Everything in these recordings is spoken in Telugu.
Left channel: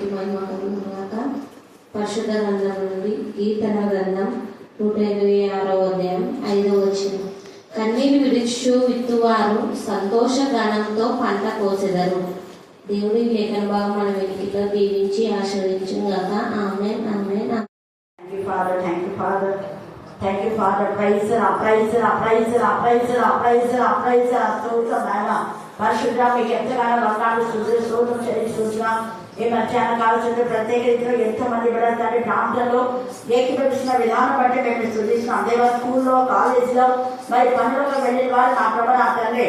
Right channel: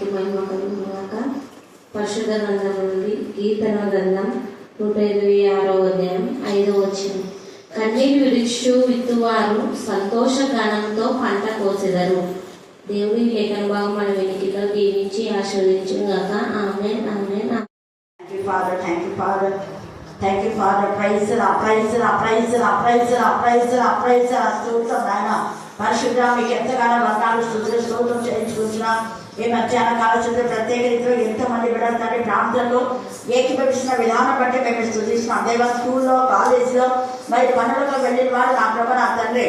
నామానికి మహిమ కలుగుగాక. పరిశుద్ధ గ్రంథం నుండి కీర్తన గ్రంథం 126వ అధ్యాయం 5వ వచనం. కన్నీరు విడిచు విత్తువారు సంతోష గానంతో పంట కోసెదరు. దేవుని లేఖన భాగం మన వెనుకలో దీవించి ఆశీర్వదించుగాక. ఆమేన్, ఆమేన్. Thank you, Father. Praise పరిశుద్ధ మీకు ఎంతగానో వర్ణాలు స్తోత్రం చేయించుకుంటున్నాం. ఈ మధ్యాహ్న కావాల్సిన ప్రత్యేక రీతిలో ఎంతో మంది బిడ్డలు ప్రాంతంలో ఏకీభవిస్తున్న విధానం బట్టి మేము స్తుతిస్తున్నాం. దేవ స్కూల్లో, కాలేజీలో, మరి పనులకు వెళ్ళిన వారు నా ప్రభు నా తండ్రి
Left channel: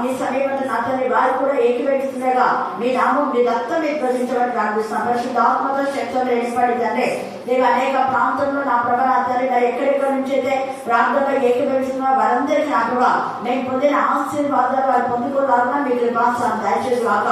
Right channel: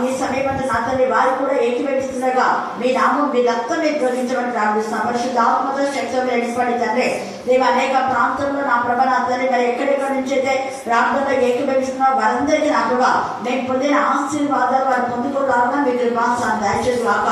మీ సమీపంలో నా తండ్రి వారు కూడా ఏకీభవిస్తుండగా మీ నామం మీ రక్తం మీరు పూజించమని ప్రార్థిస్తున్నాం. పరిశుద్ధ ఆత్మతో శక్తి నిలబడి తండ్రి నీవు అనేక ప్రాంతంలో నా ప్రభు నా తండ్రి మరి ఎక్కడెక్కడి నుంచి అయితే ప్రాంతంలో ఏకీభవిస్తున్నా వారందరికీ నా ప్రభు మేము పొందిన ఆశీర్వాదాలు వారు పొందుకోవాలన్నా మీ కృపాసాన్ని దయచేసి కాక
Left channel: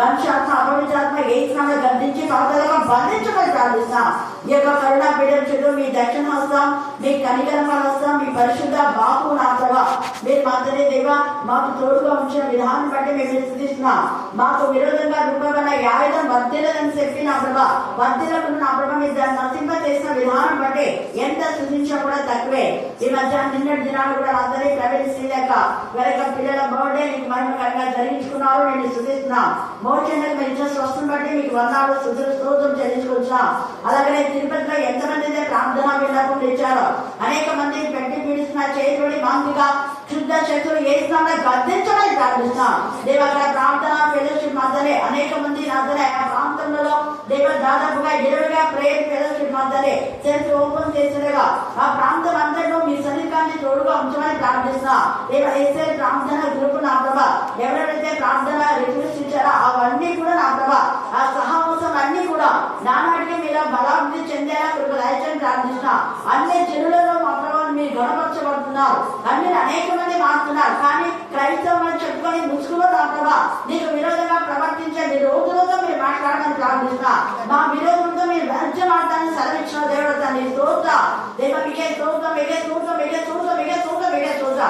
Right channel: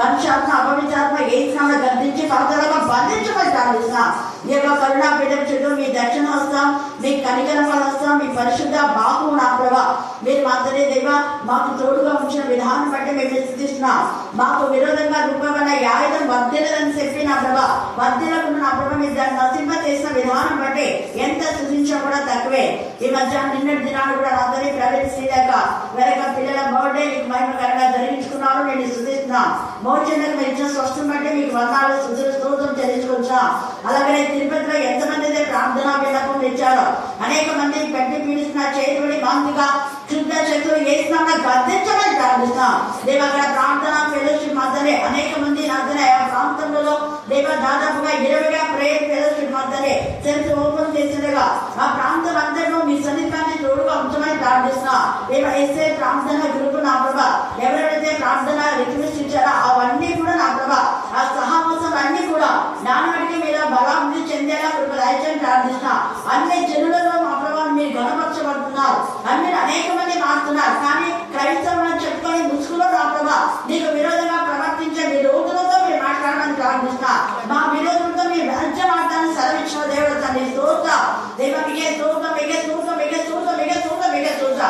వంశాత్మ అపవిత్రాత్మ ఏ స్నానం గర్దించి పాతలుగా బంధించమని ప్రార్థిస్తున్నాం. ఈ యొక్క కరుణా పీఠం చుట్టూ మీ దక్షిణ హస్తం, మీ కనికరమ హస్తం, మీ పరిశుద్ధ బాబు నా ప్రభా మీరు మాత్రమే దేవ మాకు తోడుగా ఉంచిన విధానం బట్టి మేము స్థితిస్తున్నాం. మాకు విరోధంగా రూపమైన ఆయుధం వర్ధిల్లదని చెప్పి నా ప్రభా వర్ధిల్లకుండా నా ప్రభా మీరు దాన్ని నశింప చేసిన విధానం బట్టి ఎంత స్థుతించా కూడా తక్కువే. ఈ మధ్య నిన్నటి దినాలు కూడా అందరి ప్రైవేట్ శ్రీలేక వేరే పిల్లల బర్త్డే మీకు మహిమకరంగా జరిగించుకున్నారు. నేను స్థుతిస్తున్నాం. మోర్చండకు మీరు ఇచ్చిన స్వస్థం బట్టి మీకు వందనాలు స్తోత్రం చెల్లించుకుంటున్నాం. అలాగే తిరుపతిలో ఎంతమంది అయితే ప్రార్థనా విన్నపం ఇచ్చారో అనేక మంది గడ్డి పీడిస్తున్న చేతుడి మాంతిగా శుద్ధ చేతులు వేసిన గర్దించమని ప్రార్థిస్తున్నాం. దేవ అక్కడ ప్రార్థన ఫెలోషిప్ మధ్యనే అనేక మంది మధ్యనే ఆ ప్రాంతంలో దేవ దాదాపుగా 20గా ప్రేయర్ ఫెలోషిప్ మధ్యనే సెల్ఫ్ ఓపెన్ చేసినగా ఆ ప్రాంతం అందరూ మీ సన్నిధాన్ని తోడుగా ఉంచమని ప్రార్థిస్తున్నాం. దేవ ఏసే ప్రార్థన గ్రూప్ నా ప్రభా ఎవరైతే ప్రార్థన రిక్వెస్ట్ ఇచ్చారో అవన్నీ కూడా నా ప్రభా ఆ సహవాసం అన్ని కూడా నానాటికి మీరు బలాభివృద్ధి చెందేలా కృప దయచేసి ప్రార్థిస్తున్నాం. అన్ని జనులలో మా ప్రభావం మీరు గణపరచబడుతున్నారు. అన్ని అనేక మంది మారుతున్నారు. కానీ క్రైస్తవులను చెప్పుకొని ముసుగులో నా ప్రభా నీకు విరోధంగా ప్రవర్తించే మీ రోగులతో మీరు మాట్లాడడానికి ప్రార్థిస్తున్నా. మా విరోధులతో మీరు రాజ్యమాటాన్ని సెలవిచ్చిన దేవుడు తన స్తోత్ర దేవ మిగే స్తోత్ర మిగే స్తోత్ర మిగే స్తోత్ర మిగే స్తోత్ర మిగే స్తోత్ర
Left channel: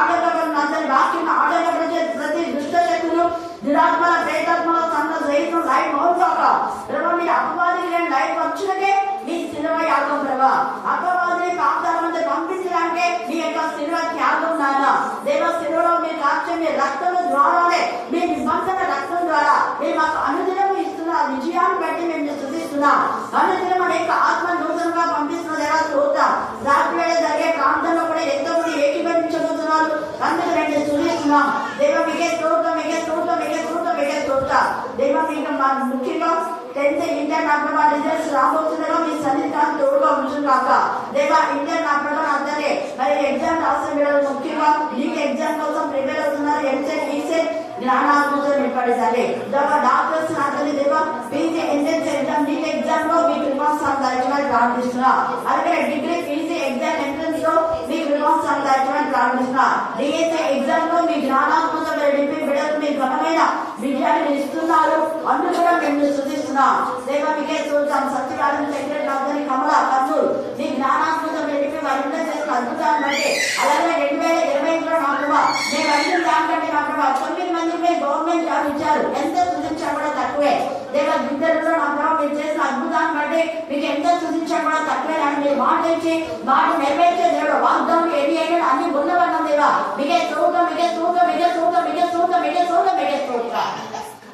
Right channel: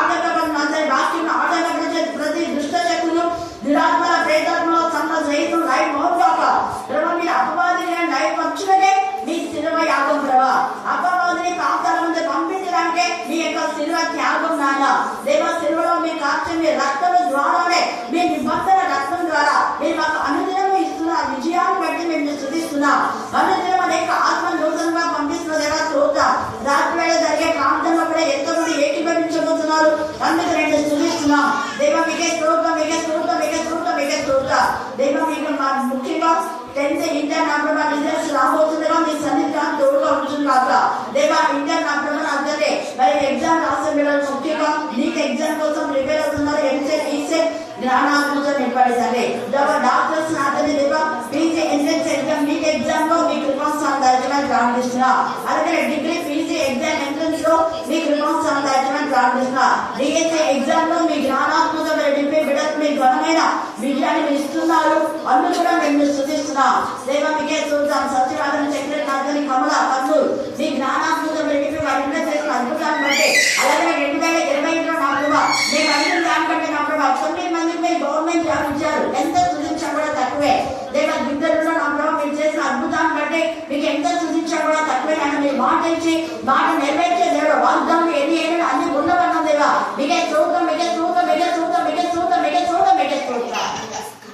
ఆటంకపడిన అందరి వాక్యం ఆటంకపరిచే ప్రతి దుష్ట శక్తులు దురాత్మల ప్రేతాత్మల సంఘ సహితం లైఫ్ మోకాక ప్రభావ మీరు అపవాదిని లైఫ్ వచ్చునకే మీ శిలువ యాగం ప్రభా అపవాదిని పాతాల ముందు పంపించడానికే మీ యొక్క శిలువ త్యాగం నాన్న దేవ శిలువలో మీ కార్చే మీ రక్తము ద్వారానే మీ నిబంధన రక్తం ద్వారా మీరు మాకు అనుదినము ఇస్తున్న విజయాన్ని బట్టి మేము స్తుతిస్తున్నాం. అనుదినం అనేక ఆత్మ నూతనంగా పంపిస్తున్న దేవా స్తోత్ర రాత్రి వేళ జరిగే ప్రాంతంలో కూడా ఎంతో మంది ఏకీభవించబోతున్నారు. అందుకు నేను స్తుతిస్తున్నాం. దేవ మీకే స్తోత్రం మీకే స్తోత్రం మీకే స్తోత్రం మీకే స్తోత్ర దేవ మీకు ముఖ్యంగా 10th ఇంటర్ నా రిజల్ట్స్ రాబోతుండగా మీ సన్నిధానం తోడుగా ఉంటున్నాక దేవ ఇంటర్ నా అందరే మరి ఎగ్జామ్ రాసిన పిల్లలు ముఖ్యంగా నీకు ఎగ్జామ్ కోసం ప్రిపేర్ అవుతున్నారు. ఎంసెట్ ఈసెట్ జ్ఞానాత్మతో నింపడేసండి దేవ డాక్టర్స్ నాతని దేవ PG entrance exam NEET exam లో మీ కృపాస్థానం దాచమని ప్రార్థిస్తున్నా. అలాగే డిగ్రీ పీజీ ఎగ్జామ్ ఎంట్రన్స్ లో మీ కృపాస్థానం దాచమని ప్రార్థిస్తున్నా. డిఎస్ఏ ఎగ్జామ్ లో మీ జ్ఞానాత్మక నింపి బిడ్డలకు మీ ఘనమైన విజయాన్ని ఇస్తున్నారు. అందుకు కూడా మేము స్తుతిస్తున్నాం. దేవ మీకే చూద్దాం. సత్యవాదన చక్ర నాథని కమల కర్నూలు మీ జ్ఞానాత్మక నింపి వారి చేసిన అద్భుతాన్ని బట్టి అలాగే 2020లో నా ప్రభావ మేము అన్ని దానికంటే నా ప్రభావ 9 మందికి గవర్నమెంట్ జాబ్ ఇచ్చారు. ఎంత సూచించా కూడా తక్కువే. దేవ గిద్దరులో నా ప్రభావ మీరు చేసిన అద్భుతాన్ని బట్టి మీకు ఎంత సూచించా కూడా తక్కువే. కానీ మీరు మాట ఇచ్చి మాట నెరవేర్చే దేవుడు వాగ్దానం ఏది అయినా అన్ని ఉన్నవన్నా దేవ మీకే చూద్దాం మీకే చూద్దాం మీకే చూద్దాం మీకే చూద్దాం మీకే చూద్దాం మీకే చూద్దాం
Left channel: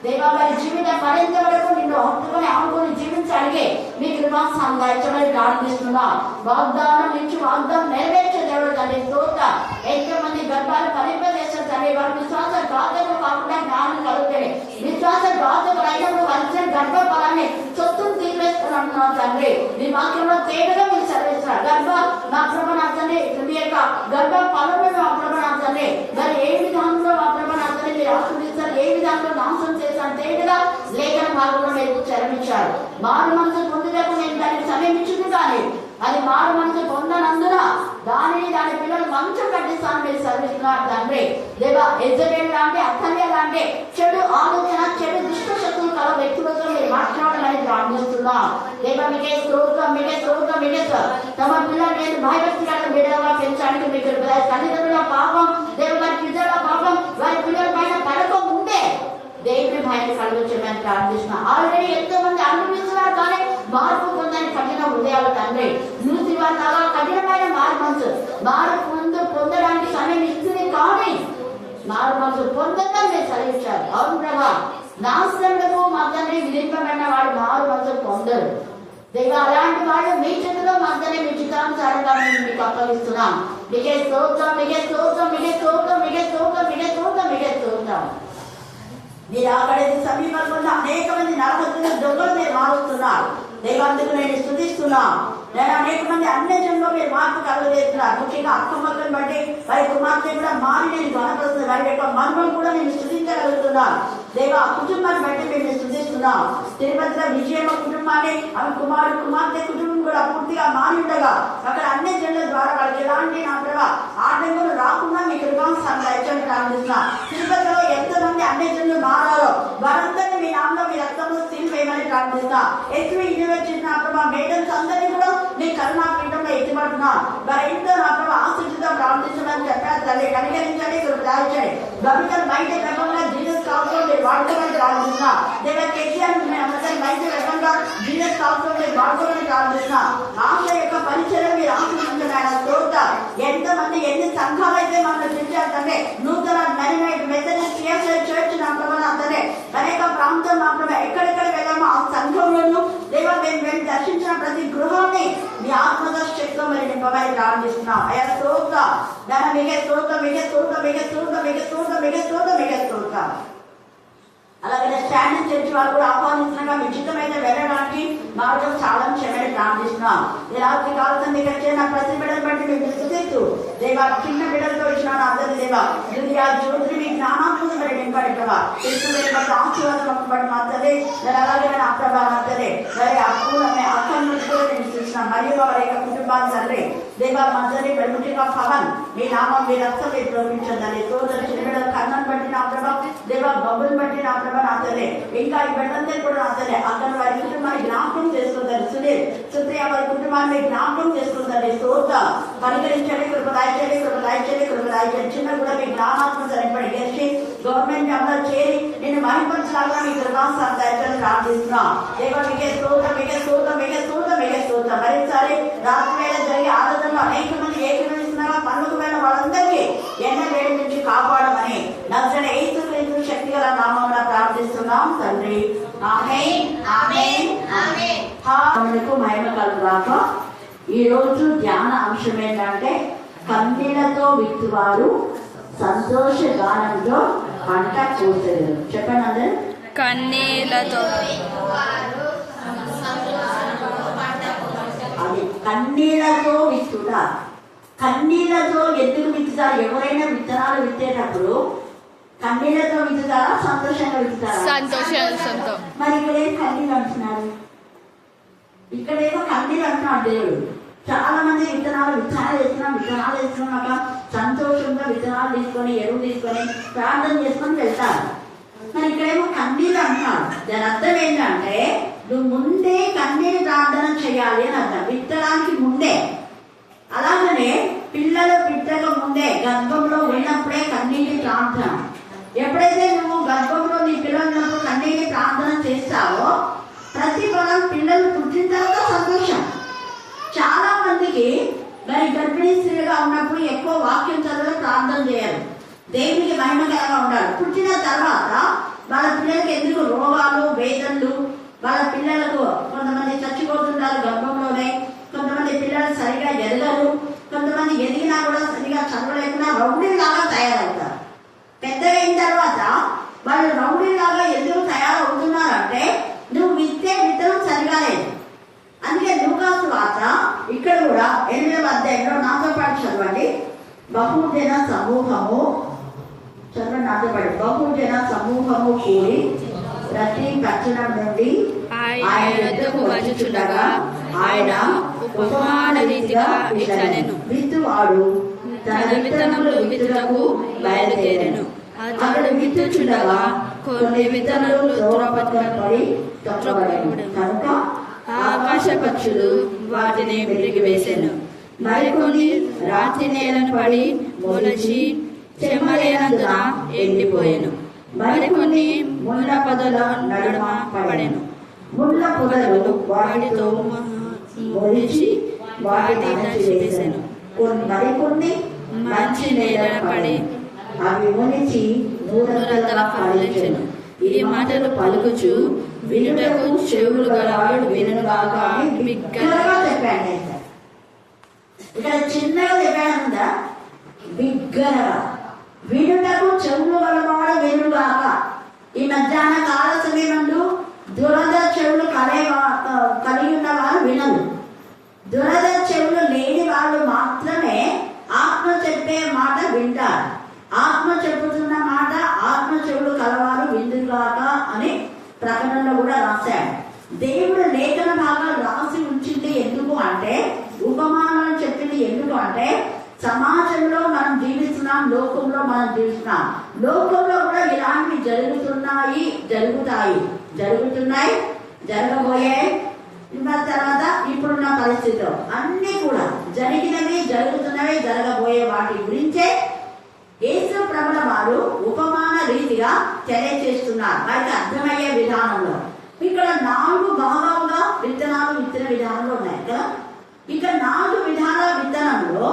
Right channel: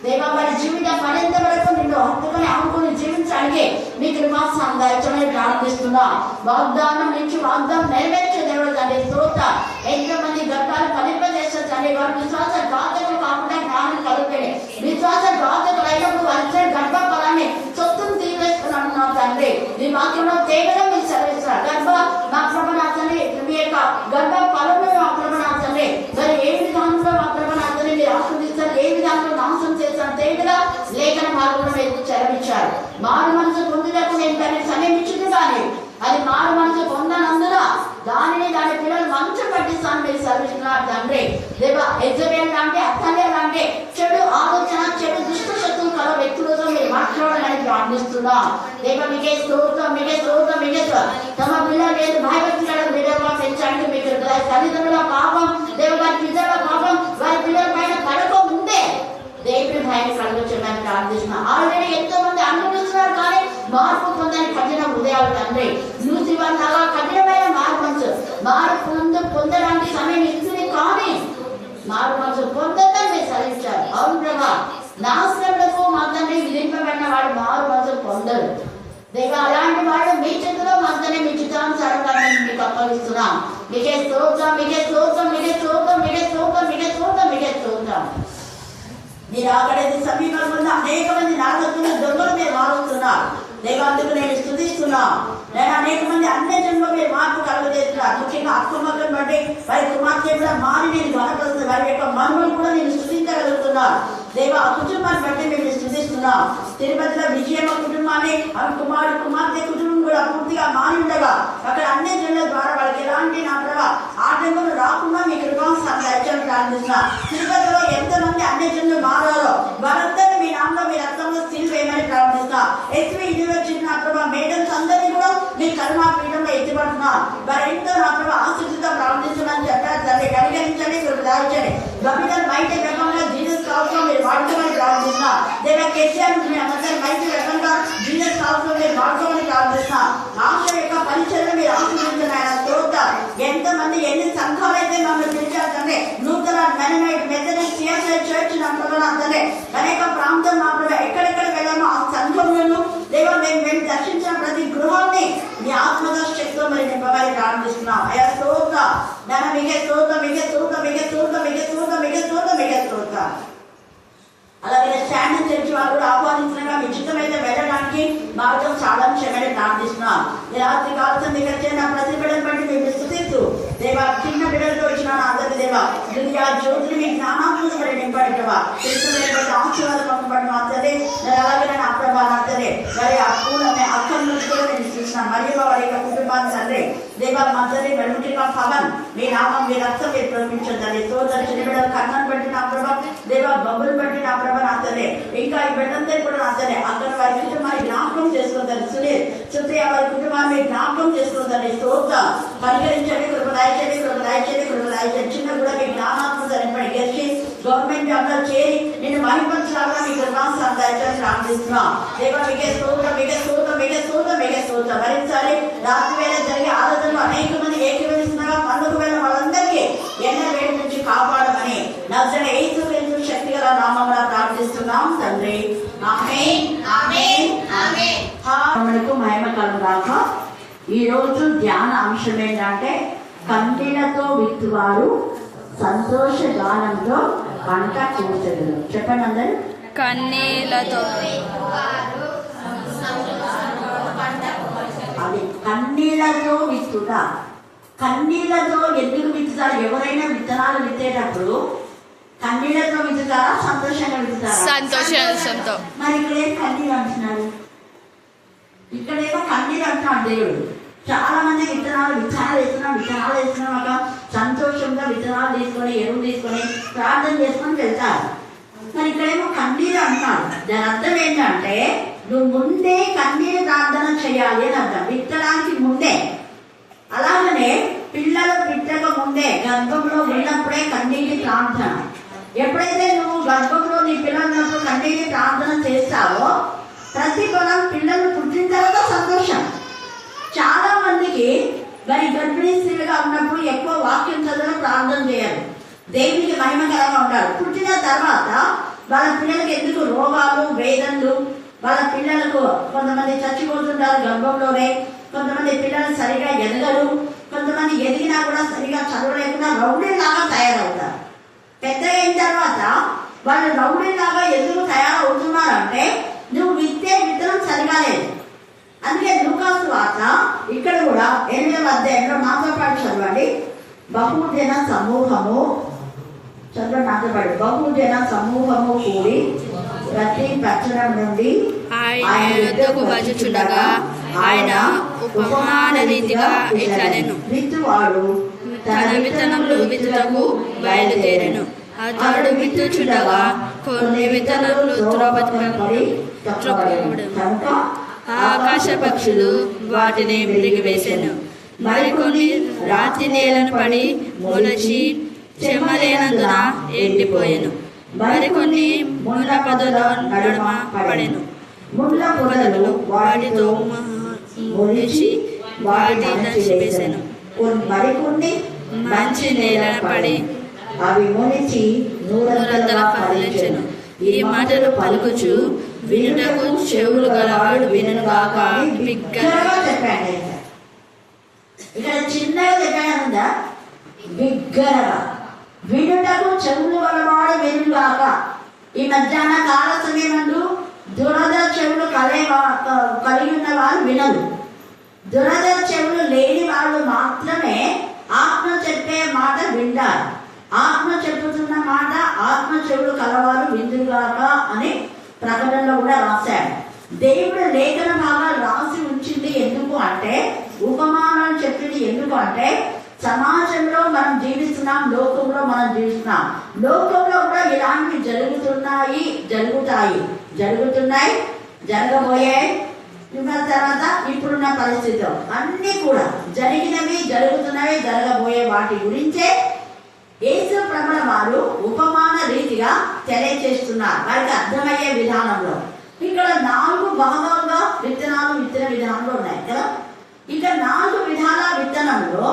దేవ వారి జీవితం మరింత వరకు నిన్ను హత్తుకొని ఆముకొని జీవించడానికి మీ కృపాస్థానం దయచేయమని ప్రార్థిస్తున్నా. వాగ్దానం నుంచి వాగ్దానం నెరవేర్చే దేవుడు తండ్రి స్తోత్ర. ఎంతో మంది గర్భాలు ఫలింపజేస్తారు తండ్రి. వారి విశ్వాస ఘాతకు కాకుండా జ్ఞానం కలుగుతాయి. విశ్వాస ఘాతకు అయినప్పుడు వచ్చే గర్భ ఫలాన్ని చొత్తును తీసేస్తున్నాం తండ్రి. మీ వాక్యంలో తేగలో మీరు సెలవిస్తున్నారు. గర్భ నా ప్రభనాథండి మీ యొక్క గర్భ ఫలంలో మా ప్రభనాథండి మరి ఏ విధానంలో మా ప్రభనాథండి మీరు ఆస్వాదిస్తారు, ఏ విధానంలో నాశనం చేస్తారు తేగగా లేఖన భాగంలో మీరు చరమిచ్చారు. మారు మనసు పొందినట్టు నేను దాన్ని సమీపించుకుంది కానీ అది మారు మనసు పొందనందున దానిని దాని పిల్లలు మంచం పట్టిస్తాను మీరు సర్విస్తున్నారు తండ్రి. దేవ ఎజబెల్ లాంటి అత్తనే లాంటి చెడు ఆలోచన చెడు దుష్ట శక్తులు కల వ్యక్తులతో మీరు మాట్లాడాలని ప్రార్థిస్తున్నాం. దేవ మీకే స్తోత్రం మీకే స్తోత్రం మీకే తమ పిల్లలు నేను భయభక్తులను విధంగా పెంచడానికి మీకు తల్లిదండ్రుల పాపం దేవ వారి పిల్లల పాపం వారి పిల్లల పైన పడక ముందే దేవుని సహాయాన్ని కలుగొచ్చమని ప్రార్థిస్తున్నాం. ఆల్రెడీ ఎంతో మంది అనుభవిస్తున్నారు కానీ మార్పు పొందని కఠిన హృదయాలు తండ్రి. లూసిఫర్ లాగా కఠినమైన మార్పు పొందడానికి సమయం ఇస్తుంది కానీ మారు మనసు పొందడం మీరు సహించాలి. అవును ప్రభా, నాశనములకు మా తండ్రి విధింపబడిన వాడు మారు మనసు పొందరు. దేవా, అలాంటి వాళ్ళు మీ చేతిలో మా తండ్రి మీ చిత్తానుసారంగా మేము మీకు అప్పగిస్తున్నాం. మీకే స్తోత్రం, మీకే స్తోత్రం, మీకే స్తోత్రం, మీకే స్తోత్రం, మీకే స్తోత్రం, మీకే స్తోత్రం. మీరు అక్కడ సమీపంలో అనేక మంది నాశకుల దొంగలు మీరు మారుస్తున్నారు. దేవాందుకు నేను స్తుతిస్తున్నాం. నేను అనేక మంది అన్యజనులు మీరు మార్పు కలుగజేస్తున్నారు. ముఖ్యంగా అక్కమ్మకం బట్టి వారి కుమార్తె కూడా మారి నేను గణపడుతుంది. వారి యొక్క మనుమలు కూడా నేను స్తుతించగలుగుతున్నాను. దేవా, ఆ కుటుంబాన్ని బట్టి మేము స్తుతిస్తున్నాం. తిరుపతిలో విజయమ్మ కుటుంబాన్ని ఆమె కుమార్తె కుటుంబం కూడా పూర్తిగా మారి ఉండగా అక్కడ అన్యజనుల ద్వారా వాళ్ళకి ఎలాంటి నా ప్రభావ ఆటంకులు రాకుండా మీ కృపాను దయచేయమని ప్రార్థిస్తున్నా. తిరుపతిలో ఎంతమంది అన్యజనులు మారారో వారందరినీ మీ నామలో మీ రక్తంలో సీల్ వేయమని ప్రార్థిస్తున్నా. వచ్చిన నా ప్రభావ మేడల్స్ అందరినీ కూడా మీ కరుణా పీఠంలో ఎత్తిపడుతున్నా. వారి ఇంట్లో నా ప్రభావ ఆశీర్వాదంతో ప్రార్థించమని చెప్పారు. తల్లి కనికరించండి, దాయించండి. గవర్నమెంట్ బయట రకంగా జీసస్ కాల్తో మీరు వాడుకోమని ప్రార్థిస్తున్నా. దేవా, కేసీఆర్ బయట రకంగా జీసస్ కాల్తో మీరు వాడుకోమని ప్రార్థిస్తున్నా. ఆశ యొక్క పరిచయం మీరు ఆశీర్వదించిన ఆయన తోట ఎంతమంది ఎన్ని సంఘాలు అయితే మమ్మల్ని పిలిచారు తండ్రి. నూతన మెథడిస్ట్ చర్చ్ నా ప్రభావ తండ్రి అనేక ప్రాంతం నా ప్రభావ ఎక్కడెక్కడ వెళ్ళామో ఆ సంఘంలో దేవా మేము దర్శించిన ప్రతి గృహాన్ని మీ ఆత్మద శక్తితో మరి నింపమని ప్రార్థిస్తున్నాం. అయ్యా స్తోత్ర దాని మీకే స్తోత్రం, మీకే స్తోత్రం, మీకే స్తోత్రం, మీకే స్తోత్రం, మీకే స్తోత్రం, మీకే స్తోత్రం. అలాగే స్టాండింగ్ చర్చ్ వాళ్ళు కూడా ఆహ్వానించినగా మీ చిత్తమైతే వెళ్ళడానికి మార్గం చాలా చేయమని ప్రార్థిస్తున్నాం. ఈ రాత్రి కాలం ఇక్కడ చేసిన ప్రతి బిడ్డను బట్టి మేము స్తుతిస్తూ దేవా, చిన్న బిడ్డలతో ఇచ్చిన అందరి దేవా దునియా జ్యోతిని మీ జ్ఞానాత్మక మరి నింపడి ప్రభా తీసుకుని ఆశీర్వాదం బట్టి మాత్రమే అలాగే నేను అప్రభా మాత్రమే మరి అక్కడి నుంచి కూడా నేను చూసినాను. మరియు వారి యొక్క కుటుంబాన్ని తండ్రి దేవా మాత్రమే వెలుగుగా పవన్ మీ నామం మీ రక్తం మీరు ప్రేమించండి. తోటని చిన్న బిడ్డలు కన్నను బట్టి నా ప్రభా దేవా బొబ్బులు బట్టి నా ప్రభా నాతనే ఇంకా ఈ బిడ్డంతా కూడా నాతనే అక్కడ వారి కుటుంబాన్ని జ్ఞాపకం చేసుకుంటారు. సునీల్ సుప్రియ వారి కుటుంబాన్ని జ్ఞాపకం చేసుకుంటారు. తోట పరిగణించండి, కృపదాయించండి, కృపదాయించండి, కృపదాయించండి. చిన్న కూడా మీ జ్ఞానాత్మక నింపడి గెలిచి గవర్నమెంట్ అందరూ చేరి నేను మహిళలాగా మీ కృపాన్ని దయచేసి ప్రార్థిస్తున్నాం. దేవా మీకే స్తోత్రం, మీకే స్తోత్రం, మీకే స్తోత్రం, మీకే స్తోత్రం. మరోసారి రాత్రి వేళ జరిగే ఆరాధనలో అనేక మంది ఏకీభవిస్తున్నారా పండుగ వేళ వాళ్ళందరికీ ఎండ వేడి నుంచి కాపాడమని నజరేయుడైన యేసు శక్తి గల నామములో ప్రార్థిస్తున్నాం తండ్రి. ఆమేన్, ఆమేన్, ఆమేన్. మనకు మహిమ కలుగుగాక. ఈ రోజు ధ్యాన అంశం ఏంటంటే కన్నీళ్లతో విత్తువారు సంతోష గానంతో పంట కోసేరు. చెప్పండి అందరు. కన్నీళ్లతో అది కన్నీళ్లతో విత్తుట. కన్నీళ్లతో ఎందుకు విత్తుతారు? ఎవరైనా విత్తనాలు విత్తేటప్పుడు కన్నీళ్లతో విత్తుతారా సంతోషంగా విత్తుతారా? సంతోషంతో. మరి ఇక్కడేం కన్నీళ్ళు అంటున్నారు? ఇక్కడేమో కన్నీళ్ళు అంటున్నాడు దేవుడు. చాలా మంది విత్తనాలు వేస్తున్నాక సంతోషంగా విత్తనాలు తీసుకొని ఎరువు తీసుకొని ప్రార్థన చేసుకొని వెళ్తారు. మరి ఇక్కడేమో కన్నీళ్ళు అంటున్నాడు. దాని అర్థం ఏంటంటే నువ్వు ముందే కన్నీరు ప్రార్థన చేయాలి అని అర్థం. విత్తడానికి ముందే. అలాగనే పిల్లలు పుట్టక ముందే గర్భంలో ఉన్నప్పుడే కన్నీటి ప్రార్థన. ఎప్పుడైతే నువ్వు గర్భంలో నీ పిల్లలు కన్నీటి ప్రార్థన చేస్తావో ప్రతిఫలం పిల్లలు పుట్టిన తర్వాత సంతోషం. చాలా మందికి మరి గర్భిణీ స్త్రీలుగా ఉన్నప్పుడు ఎక్కువ వాక్యం చదవడం ప్రార్థన చేయాలి, దేవునికి మహిమకరంగా ఉండాలి. పుట్టిన తర్వాత వాళ్ళ పిల్లలకి ఎందుకు రోగాలు వేదనలు, వాళ్ళ పిల్లలకు కొంతమంది చచ్చిపోతుంటారు గర్భంలోనే, కొంతమంది పిల్లలు సరిగా ఎదగరు, కొంతమంది ఎదిగినా కూడా సరిగా చదవలేకుండా రౌడీలాగా తయారవుతారు. పెద్దగా అయిన తర్వాత వాళ్ళు రౌడీలాగా ఎందుకు తయారవుతున్నారంటే నువ్వు విత్తే విత్తనం సరిగా లేదు. అందుకే లూకాసు వార్త ఇక్కడ కూడా 8వ అధ్యాయంలో నాతో పాటు చదవండి. బహుజన సమూహము కూడి ప్రతి పట్టణం నుండి ఆయన యొద్దకు వచ్చుచుండగా ఆయన ఉపమాన రీతిగా ఇట్లనెను. విత్తువాడు తన విత్తనములు విత్తుటకు బయలుదేరెను. అతడు విత్తుచుండగా కొన్ని విత్తనములు త్రోపబడెను. ఆకాశ పక్షులు వాటిని మృగివేసెను. మరికొన్ని రాతి నేలను పడి మొలచి చెమ్మలేనందున ఎండిపోయెను. మరికొన్ని ముళ్ళ పొదల నడుమ పడెను. ముళ్ళ పొదలు వాటితో మొలిచి వాటి దంచివేసెను. మరికొన్ని మంచి నేలన పడి అవి మొలిచి నూరంతల ఫలించెను. ఈ మాటలు పలుకుచు వినుటకు చెవులు గలవాడు వినుగాక. బిగ్గరగా చెప్పాడు. ఇక్కడ చిన్నగా చెప్పానుందా, బిగ్గరగా వినుటకు చెవులు గలవాడు వినుగాక. ఈ మధ్యాహ్న కాల సమయంలో దురద చెవులు కలిగి ఉన్న వారు వినరు. దురద చెవులు లేని వాళ్ళు మాత్రమే ఆత్మ చెప్పే మాట వింటారు. ఆత్మ చెప్పుతున్న మాట ఆత్మ చెవులు కలవారు విందుగాక అని ప్రకటనలో కూడా రాశాడు. దేవుడు లేఖన భాగాలు రాసి ఉంచింది ఎందుకు అంటే, ఉపమానాలు చెప్పింది ఎందుకు అంటే, సమాజంలో మనం జీవిస్తున్నాం, లోకంలో మనం జీవిస్తున్నాం. లోకంలో కూడా ఇలాంటివి జరుగుతున్నాయి, జరగబోయాయి. తర్వాత ఇప్పుడున్న పరిస్థితులు అన్ని కూడా జరిగినవి, జరుగుతున్నవి, జరగబోయే వాటి గురించే యేసు ప్రభుల వారు ఉపమాన రీతిగా తెలియజేస్తున్నారు. వారికి అర్థమయ్యే విధానంలో. ఇక్కడ 4 భాగాలుగా విత్తనాలు విత్తన విధానంలో ఉన్నాయి కదా. ఇక 4 విధాల విత్తనంలో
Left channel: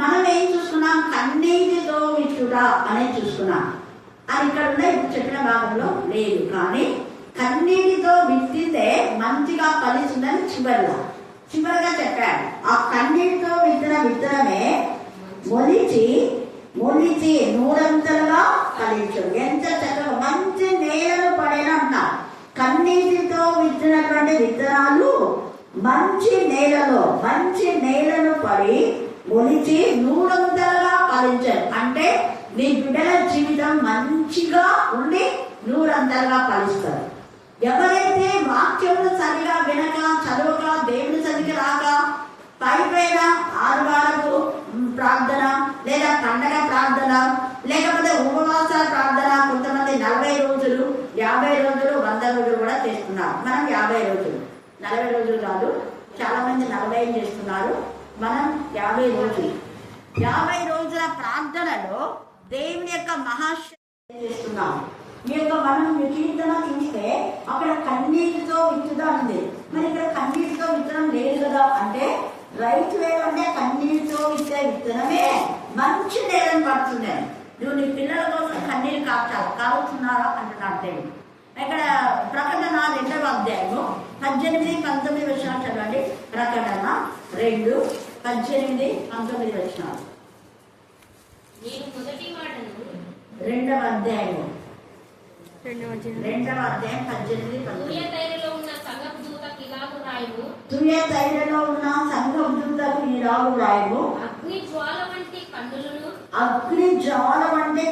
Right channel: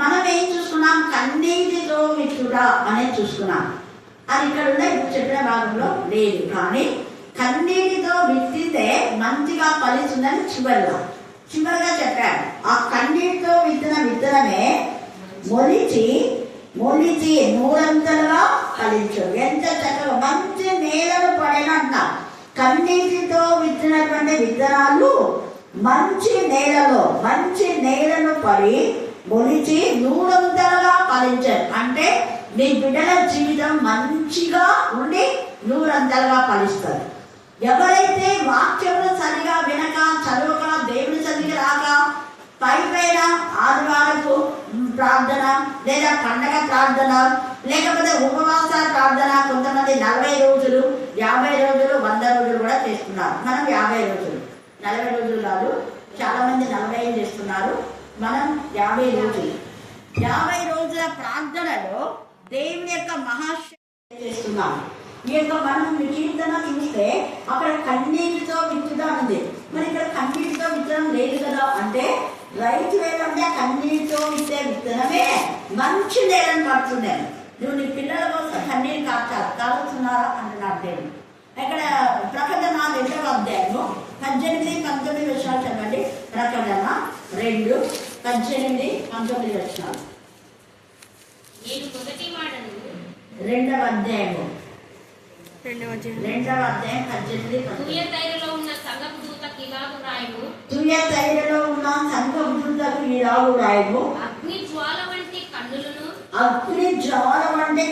మనం ఏం చూసుకున్నాం? కన్నీటితో విత్తుడా అనేది చూసుకున్నాం. అది ఇక్కడ ఉన్న ఇప్పుడు చెప్పిన భాగంలో లేదు. కానీ కన్నీటితో విత్తితే మంచిగా ఫలిస్తుందని చివరిగా చెప్పాడు. ఆ కన్నీటితో విత్తనమే మొలిచి నూరంతలుగా ఫలించు. ఎంత చక్కగా మంచి నేలను పడినంట. కన్నీటితో విత్తినటువంటి విత్తనాలు మంచి నేలను పడి మొలిచి నూరంతలుగా ఫలించారు. అంటే మీ బిడ్డల జీవితం మంచిగా ఉండి నూరంతలుగా ఫలిస్తారు. ఎవరైతే వాక్యములు సరిగా వినక, చదవక, దేవుని సరిగా రాక, పైన ఆదివారపు ప్రార్థన లేదా పండగ ప్రార్థన లేకపోతే ఉపవాస ప్రార్థన, కొంతమంది 40 రోజులు, 50 రోజులు, 100 రోజులు కూడా చేస్తున్నారు. మనం 50 రోజులు, 40 రోజులు కాదు. చాలా మంది 40 చేస్తున్నారు. మనం 50 రోజులు. 50 రోజుల ప్రార్థనలో దేవుని యొక్క మహాశక్తి చేస్తున్నాం. ఈ యొక్క మనం కీర్తన చూస్తే అక్కడ కన్నీటితో విత్తుదా ఉంది. మరి ఇక్కడ కన్నీటితో విత్తనం లేదు కదా అంటే, రైతు ఏమంటే కన్నీటితో విత్తే విత్తనమే మంచి నేలను పడుతున్నాయి. నువ్వు నీ పిల్లల కోసం కన్నీరు కావుతున్నారా అంటున్నాడు దేవుడు. ఇక్కడ ప్రకటన 2వ అధ్యాయము 18, 19 వచనాలు చదవండి. ప్రకటన 2, 18, 19 వచనాలు. 2వ అధ్యాయము 2వ అధ్యాయం 18, 19. తుయతైరలో ఉన్న సంఘపు దూతకు ఇలాగు వ్రాయుము. తుయతైరలో ఉన్న సంఘపు దూతకు ఇలాగు వ్రాయుము. అగ్ని జ్వాల వంటి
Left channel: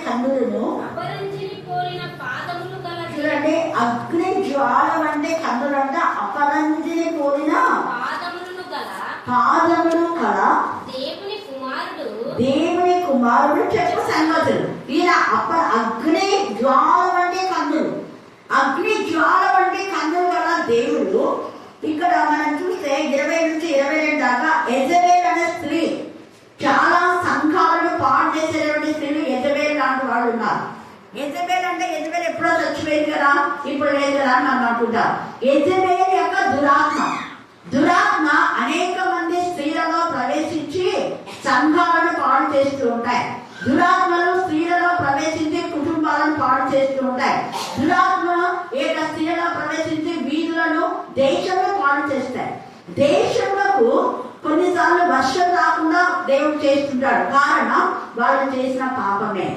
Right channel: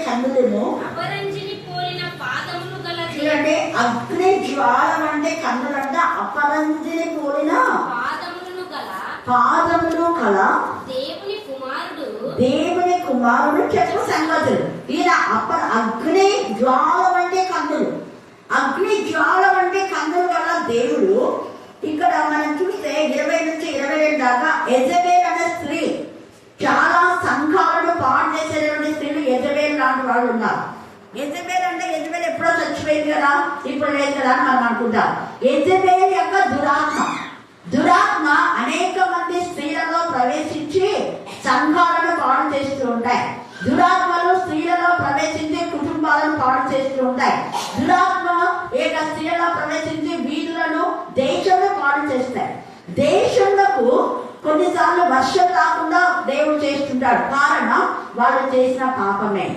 కన్నులను అపరంజిని పోలిన పాదములు గల. చూడండి, అగ్ని జ్వాల వంటి కన్నులంట అపరంజిని పోలిన పాదములు కల దేవుని కుమారుడు చెప్పు సంగతులు. ఈయన అగ్ని జ్వాల వంటి కన్నులు గల దేవుడు. ఇక్కడ మనం చూస్తే 20 నుంచి 22 దాకా యెజబెల్ అనే స్త్రీ, చాలా సంఘాలను పాడు చేసేటువంటి స్త్రీలు యెజబెల్ లాంటి వాళ్ళు ఉన్నారు. యెజబెల్ అంటే యెజబెల్ ఎప్పుడో చచ్చిపోయింది కదా, ఇప్పుడు లేదు కదా అని మనం అనుకుంటాం. యెజబెల్ యొక్క దురాత్మ అనేక మంది స్త్రీలలో ప్రవేశించి సంఘాలను పాడు చేస్తూ ఉంటాయి. దురాత్మలు స్త్రీలలో ప్రవేశించి కుటుంబాలను పాడు చేస్తూ ఉంటాయి. దురాత్మ స్త్రీలలో ప్రవేశించి వీధులను, దేశంలో పాడు చేస్తాయి. దేశంలో కొన్నిసార్లు వర్షం రాకుండా దేవుడు చేస్తుంటాడు. కారణం వాళ్ళు చేసిన పాపమే.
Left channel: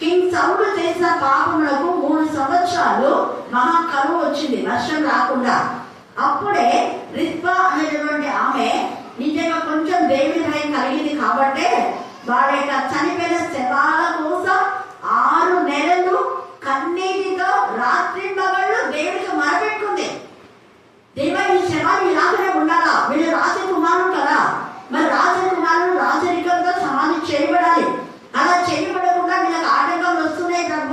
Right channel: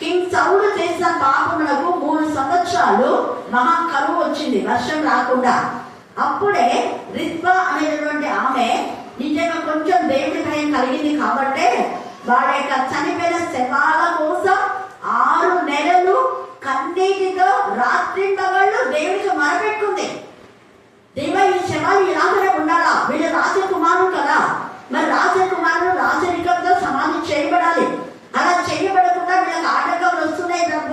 కింగ్ సౌలు చేసిన పాపములకు 3 సంవత్సరాలు మహా కరువు వచ్చింది, వర్షం రాకుండా. అప్పుడే రిత్బా అనేటువంటి ఆమె నిజంగా కొంచెం దేవుడి భయం కలిగింది కాబట్టి వాడి యొక్క చనిపోయిన శవాల కోసం 6 నెలలు కన్నీటితో రాత్రి పగళ్ళు దేవుడికి మొరపెట్టుకుంది. దేవా, ఈ శవాలు ఇలాగనే ఉండాలా? వీళ్ళు రాజకుమారులు కదా, మరి రాజకుమారులు రాజరికంతో సమాధి చేయబడాలి. అలా చేయబడకుండా వీళ్ళకి ఆటంకాలు వస్తున్నాయి తప్ప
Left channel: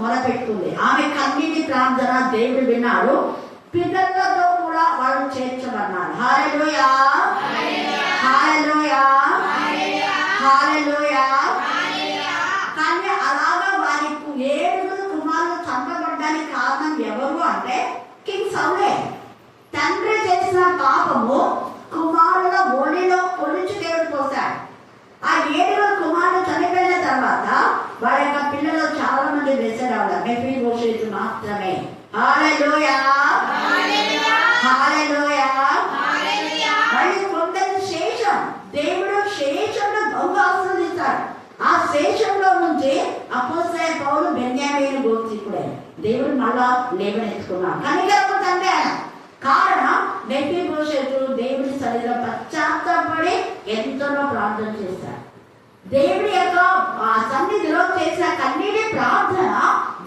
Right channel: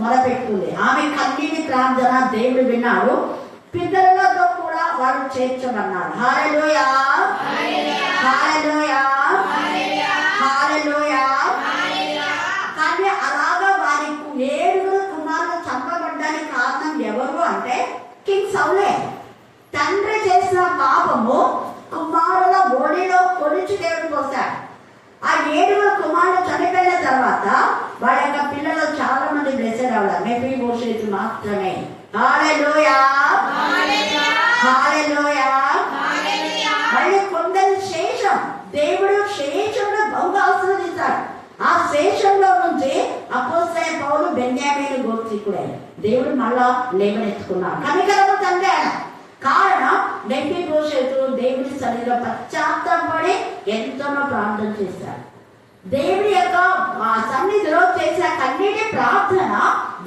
మొరపెట్టుకుంది. ఆమె కన్నీటి ప్రార్థన దేవుడు విన్నాడు. పిల్లలతో కూడా వాళ్ళు చేర్చమన్నారు. హల్లెలూయా, హల్లెలూయా, హల్లెలూయా. కానీ అలాగా వారికి 7 కుమారులు లేవనెత్తుకున్నాడు. కనికరము తండ్రి ఆయన. కారణం మెఫీబోషెతు దేవుని సన్నిధిలో పశ్చాత్తాపడి ఎంతనో ప్రార్థన చేశాడు. దేవుడి యొక్క సన్నిధిలో చేసిన కన్నీటి ప్రార్థన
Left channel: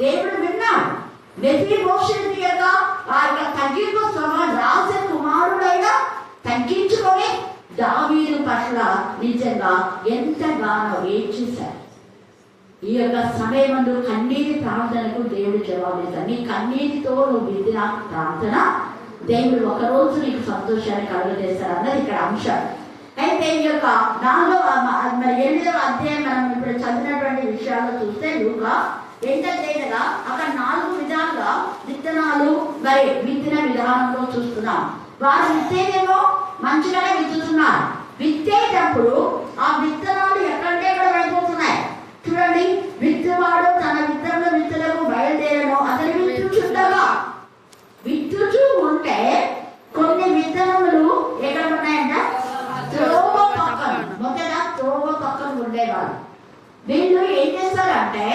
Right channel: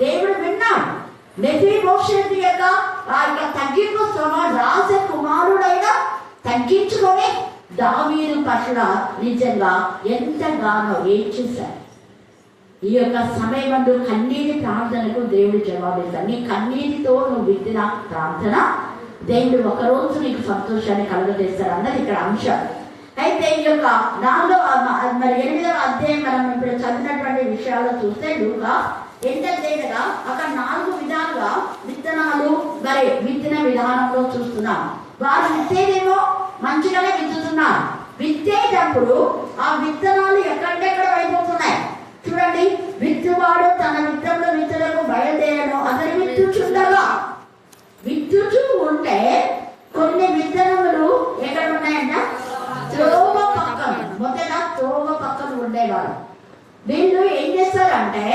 దేవుడు విన్నాడు. మెఫీబోషెతు యొక్క ఆ యొక్క తగ్గింపు రాజకుమారుడైన తగ్గించుకొని దావీదు పట్ల నిజంగా ఎంతగానో ఏడ్చేశాడు. ఈ యొక్క సమయమందు కన్నీటి ప్రార్థనకు దేవుడు జవాబిస్తాడు. నీ కన్నీటితో నువ్వు విత్తిన ప్రార్థన దేవుడు ఒకరోజు నీకు సంతోషాన్ని కలుగజేస్తాడు అన్నది ఇక్కడ అంశం. అయితే ఈ యొక్క 8వ అధ్యాయం మనం ఇప్పుడు చదివినటువంటి విషయాల్లో చూస్తే లూకా ఏంటంటే కదా అక్కడ 4 విధాలుగా విత్తనాలు మరి విత్తిన విధానంలో చూస్తున్నాం. వారు విత్తేదేమో మంచిగానే విత్తుతున్నారు. విత్తేటప్పుడు ఆ విత్తనాలు ఎక్కడెక్కడ పడిపోతున్నాయి చూడండి. విత్తువాడు తన విత్తనము విత్తులకు బయలుదేరను అతని విత్తుచూ ఉంటే కొన్ని విత్తనములు ఎక్కడ ఉన్నాయంట? త్రోవ పక్కన. మొదట త్రోవ పక్కన ఉండేవారు. వీళ్ళు ఏం చేస్తారంటే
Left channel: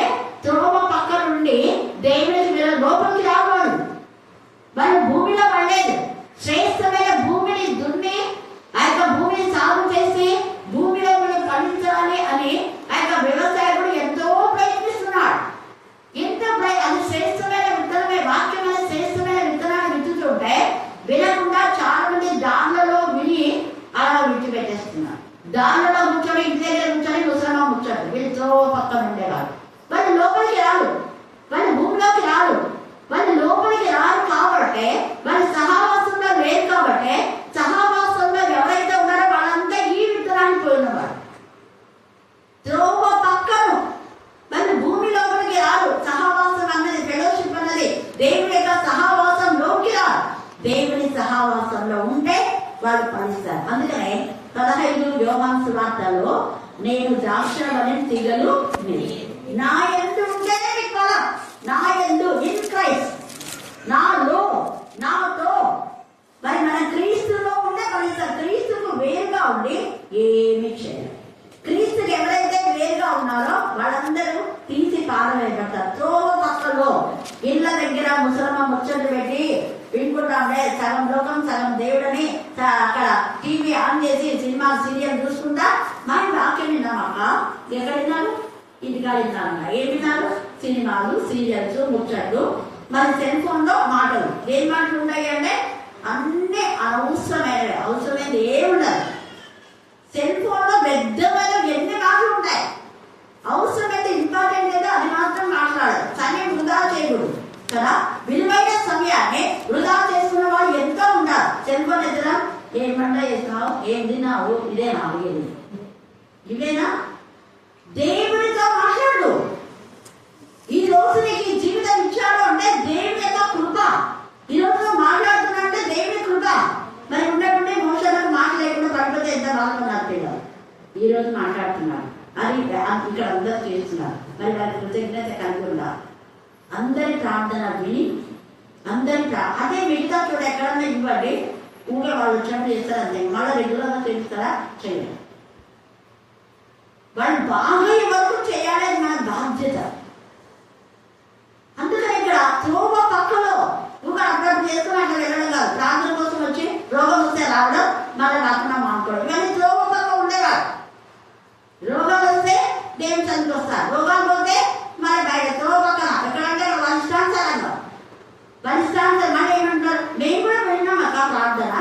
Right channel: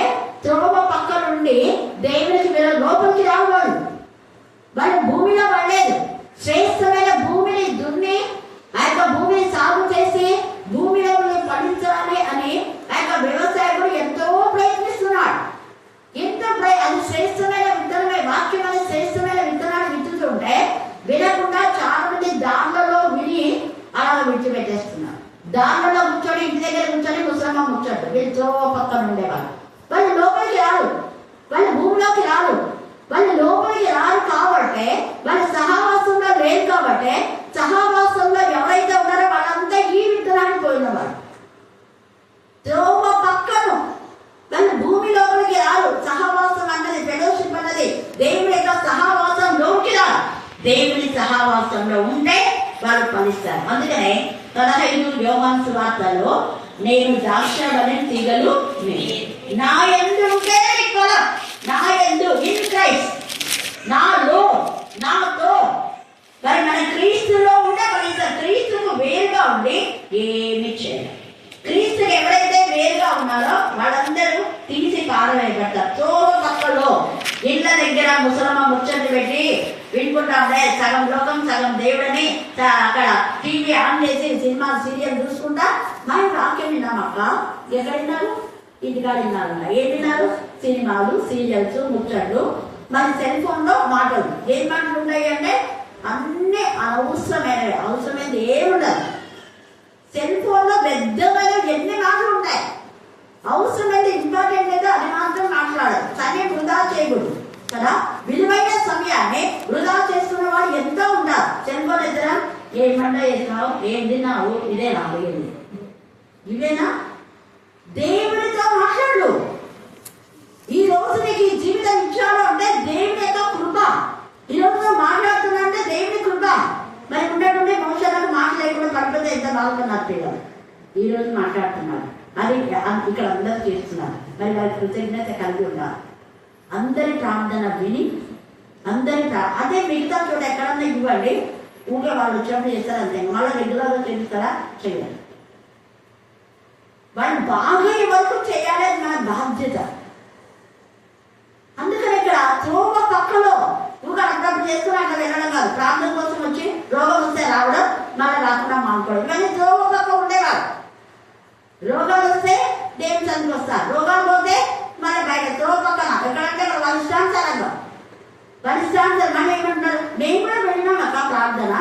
త్రోవ పక్క నుండి దేవునికి వీళ్ళ లోపలికి రావాలి. వాళ్ళు భూమిలో పడలేదు. శ్రేష్టమైన భూమిని దున్ని ఆ యొక్క భూమిని సాగు చేసి భూమిలో పండించాలి అని ఆ యొక్క వ్యవసాయకుడు ఎంతో ప్రయత్నిస్తున్నాడు. అది శ్రేష్టమైన విత్తనమే. వాక్యం అనే శ్రేష్టమైన విత్తనాన్ని విత్తుతుంటే వినకుండా చాలా మంది దానిలో విని అలా విడిచిపెట్టేస్తున్నారు. దానిలో కూర్చొని ఇంటి దగ్గర కూర్చొని ముసలమ్మ కూర్చోండి. వీళ్ళతో పక్కన ఉండేవారు. వాళ్ళు లోపలికి రారు. వాళ్ళు భూమిలోకి రారు. వాళ్ళు లోపలికి రారు కాబట్టి వాళ్ళ సహవాసంలో లేదు కాబట్టి సహవాసంలో ఎవరైతే ఉన్నారో వాళ్ళంతా ఈ విత్తనాన్ని పోయినవారు. త్రోవ పక్కను వాళ్ళు భూమి లోపలికి రారు. సహవాసం అన్నది ఫెలోషిప్ అన్నది దేవుని యొక్క సహవాసంలోకి రారు. దేవుని సహవాసంలో ఉంటే వాళ్ళు ఫలిస్తారు. అందుకనే 15 యోహాను సువార్తలో నేను ద్రాక్షవల్లి తీగలు నా యందు ఉంటే ఫలం. నా యందు ఇన్ క్రైస్ట్ నాతో మరి మన క్రీస్తులో ఉండే ఫలిస్తారు. క్రీస్తుకు వేరుగా ఉండి ఏమి చేయాలి. క్రీస్తుకి ఎవరైతే వేరుగా ఉన్నారో వాళ్ళందరూ తీసి పారవేయబడతారు. త్రోవ పక్కలో ఇళ్ళ దగ్గర ముసలమ్మ ముచ్చట్లు పెట్టి వినుకుంటాంలే సగం లోకం సగం దేవుడని అక్కడ టీవీ ఆన్ చేసి సినిమా సీరియల్ చూసుకుంటా మరి వాక్యం విన్నామక్క. ఎక్కడ విన్నారు? ఇంటికాడ విన్నారన్న. ఏం విన్నారు? సినిమాలు సీరియల్స్ ముచ్చట్లు. మరి సెల్ ఫోన్ లో మాటలు. ఏం మాటలు ఉన్నాయి అంటే అన్ని అవసరమైనవి. అవసరమైనది ఏముండదు. సెల్ ఫోన్ లో పెద్దమైన ఎన్ని మాటలు ఉంటాయి. అవసరమైతే ఇంపార్టెంట్ ఏదో అది మాత్రం మాట్లాడాలి. సమయం వృధా చేయకూడదు కదా. విలువైన సమయాన్ని వృధా చేసుకున్న వాళ్ళు ఎంతో ఉంటారు. సెల్ ఫోన్ ఎదురా ఏం వంట చేసినావు, ఏం తిన్నావు, ఇదేనా అడిగేది? ఇవేనా? దేవుడితో మాట్లాడు. ఈ రోజు నీకు ఈ జీవితం ఇచ్చాడు అంటే దేవుడి యొక్క కృప. ఈ రోజు మాట్లాడుతున్నా అంటే దేవుడి కృప. మరి ఉన్నటువంటి మనుషులకు మాట్లాడకుండా పడిపోతే ఎంత బాధపడినారు పిల్లలు. ఈ రోజు మాట్లాడుతున్నారు. అది ఇక్కడ అందరూ చేస్తున్నారు. మరి వారి కృతజ్ఞత కలిగి ఉన్నారు. అందరి ప్రార్థన విని అదే మిగతా చోట ఎక్కడన్నా ఇవ్వండి. ఊగే వాళ్ళు వచ్చినప్పుడు చేస్తారు అంతే. మళ్ళీ రెగ్యులర్గా చేస్తారా? చేయాలి. వాళ్ళు బాగా వరకు చేయాలి. అది మన బాధ్యత. అందుకని ఇక్కడ త్రోవ పక్కలో నువ్వు అప్పుడప్పుడు చేస్తూ అట్లా వెళ్ళడం కాదు. ప్రార్థన కోసం వచ్చి రోగం వస్తే రావడం మళ్ళీ రాకుండా మానుకోవడం. ఇవన్నీ త్రోవ పక్క ఉండేవారు. రోగాలు వస్తే దేవుని సన్నిధికి వస్తారు. రోగాలు పోతే మళ్ళీ బయట త్రోవ పక్కన ఎక్కడంటే వాళ్ళ ఇష్టానుసారంగా మళ్ళీ ఏమంటారు? మేము కూడా వెళ్ళినాం అక్క ప్రార్థన.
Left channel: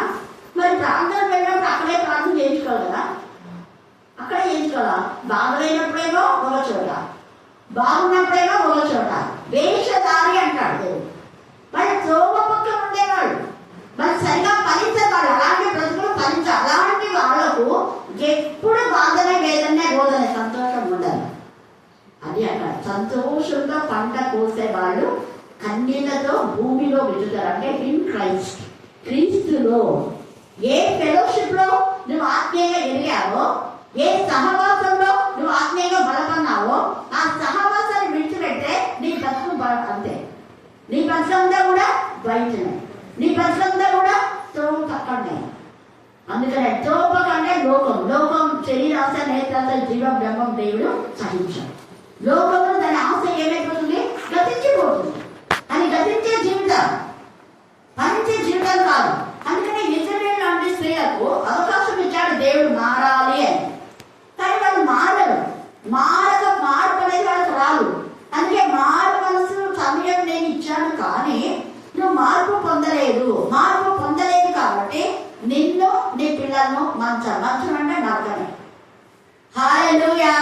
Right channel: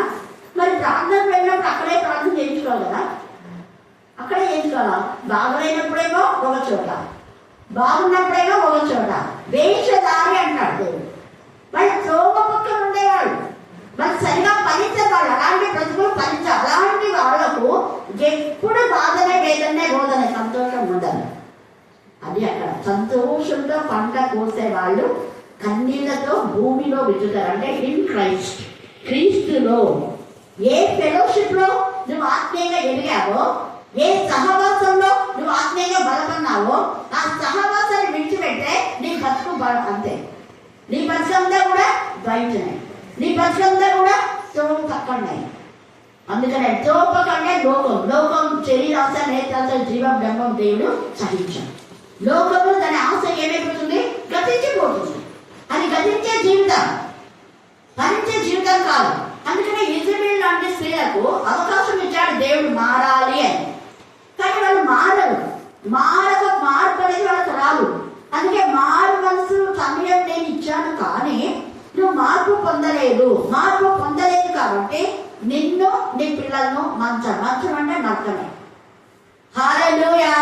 మరి ప్రార్థన వెళ్ళినప్పుడు అక్కడే ప్రార్థన చేయించుకోవాలి కదా. అక్కడే చేయించుకోవాలా? బాగులేనప్పుడేమో ఒక చోట, బాగున్నప్పుడేమో ఒక చోట. వేషధారి అంటాడు దేవుడు. వాళ్ళు త్రోవ పక్కన ఉండేవాళ్ళు. మరి సరిగా ఫలించేవాళ్ళు. అలాంటి ప్రజలు ఫలించాలి. అలాంటి వాళ్లకు ఎప్పుడు బాధనే లేదనే రోజనే సంతోషం ఉండదు. అది అక్కడ సంతోషంతో పంట కోసే వాళ్ళు కన్నీళ్లతో భూమిలో విత్తుతారు. అంటే ఇన్ క్రైస్ట్, క్రీస్తులో. ఏ ఫెలోషిప్ లో నువ్వు ఆత్మీయంగా ఎదిగావో, ఏ సహవాసంలో నువ్వు ఆత్మీయంగా బలపన్నావో ఆ సహవాసాన్ని విడిచిపెట్టే నీ బతుకు అంతే. నీ బతుకంతా కూడా బయటనే. నీ బతుకంతా కూడా త్రోవ పక్కనే. అందుకనే త్రోవ పక్కనే లోకం శరీరాశ నేత్రాశ జీవ బ్రహ్మం దేవుడు సహించాం. లోకంలో దాని ఆశ ఏమైపోతుంది? గతించిపోతుంది. అది గతించే జీవితం, భరించే జీవితం కాదు. అందుకనే ఇజ్రాయేల్ లాంటి స్త్రీలకు అవకాశం ఇచ్చాడు దేవుడు మారాలి అని. కానీ వాళ్ళు మారరు. మార్పు అనేది వాళ్ళకి రాదు. అందుకే మారవలసిన సమయం నేను ఇచ్చాను, కానీ నువ్వు మార్పు పొందలేదు కాబట్టి నిన్ను నీ పిల్లలను మంచం అంటే నరకమే. హల్లెలూయా,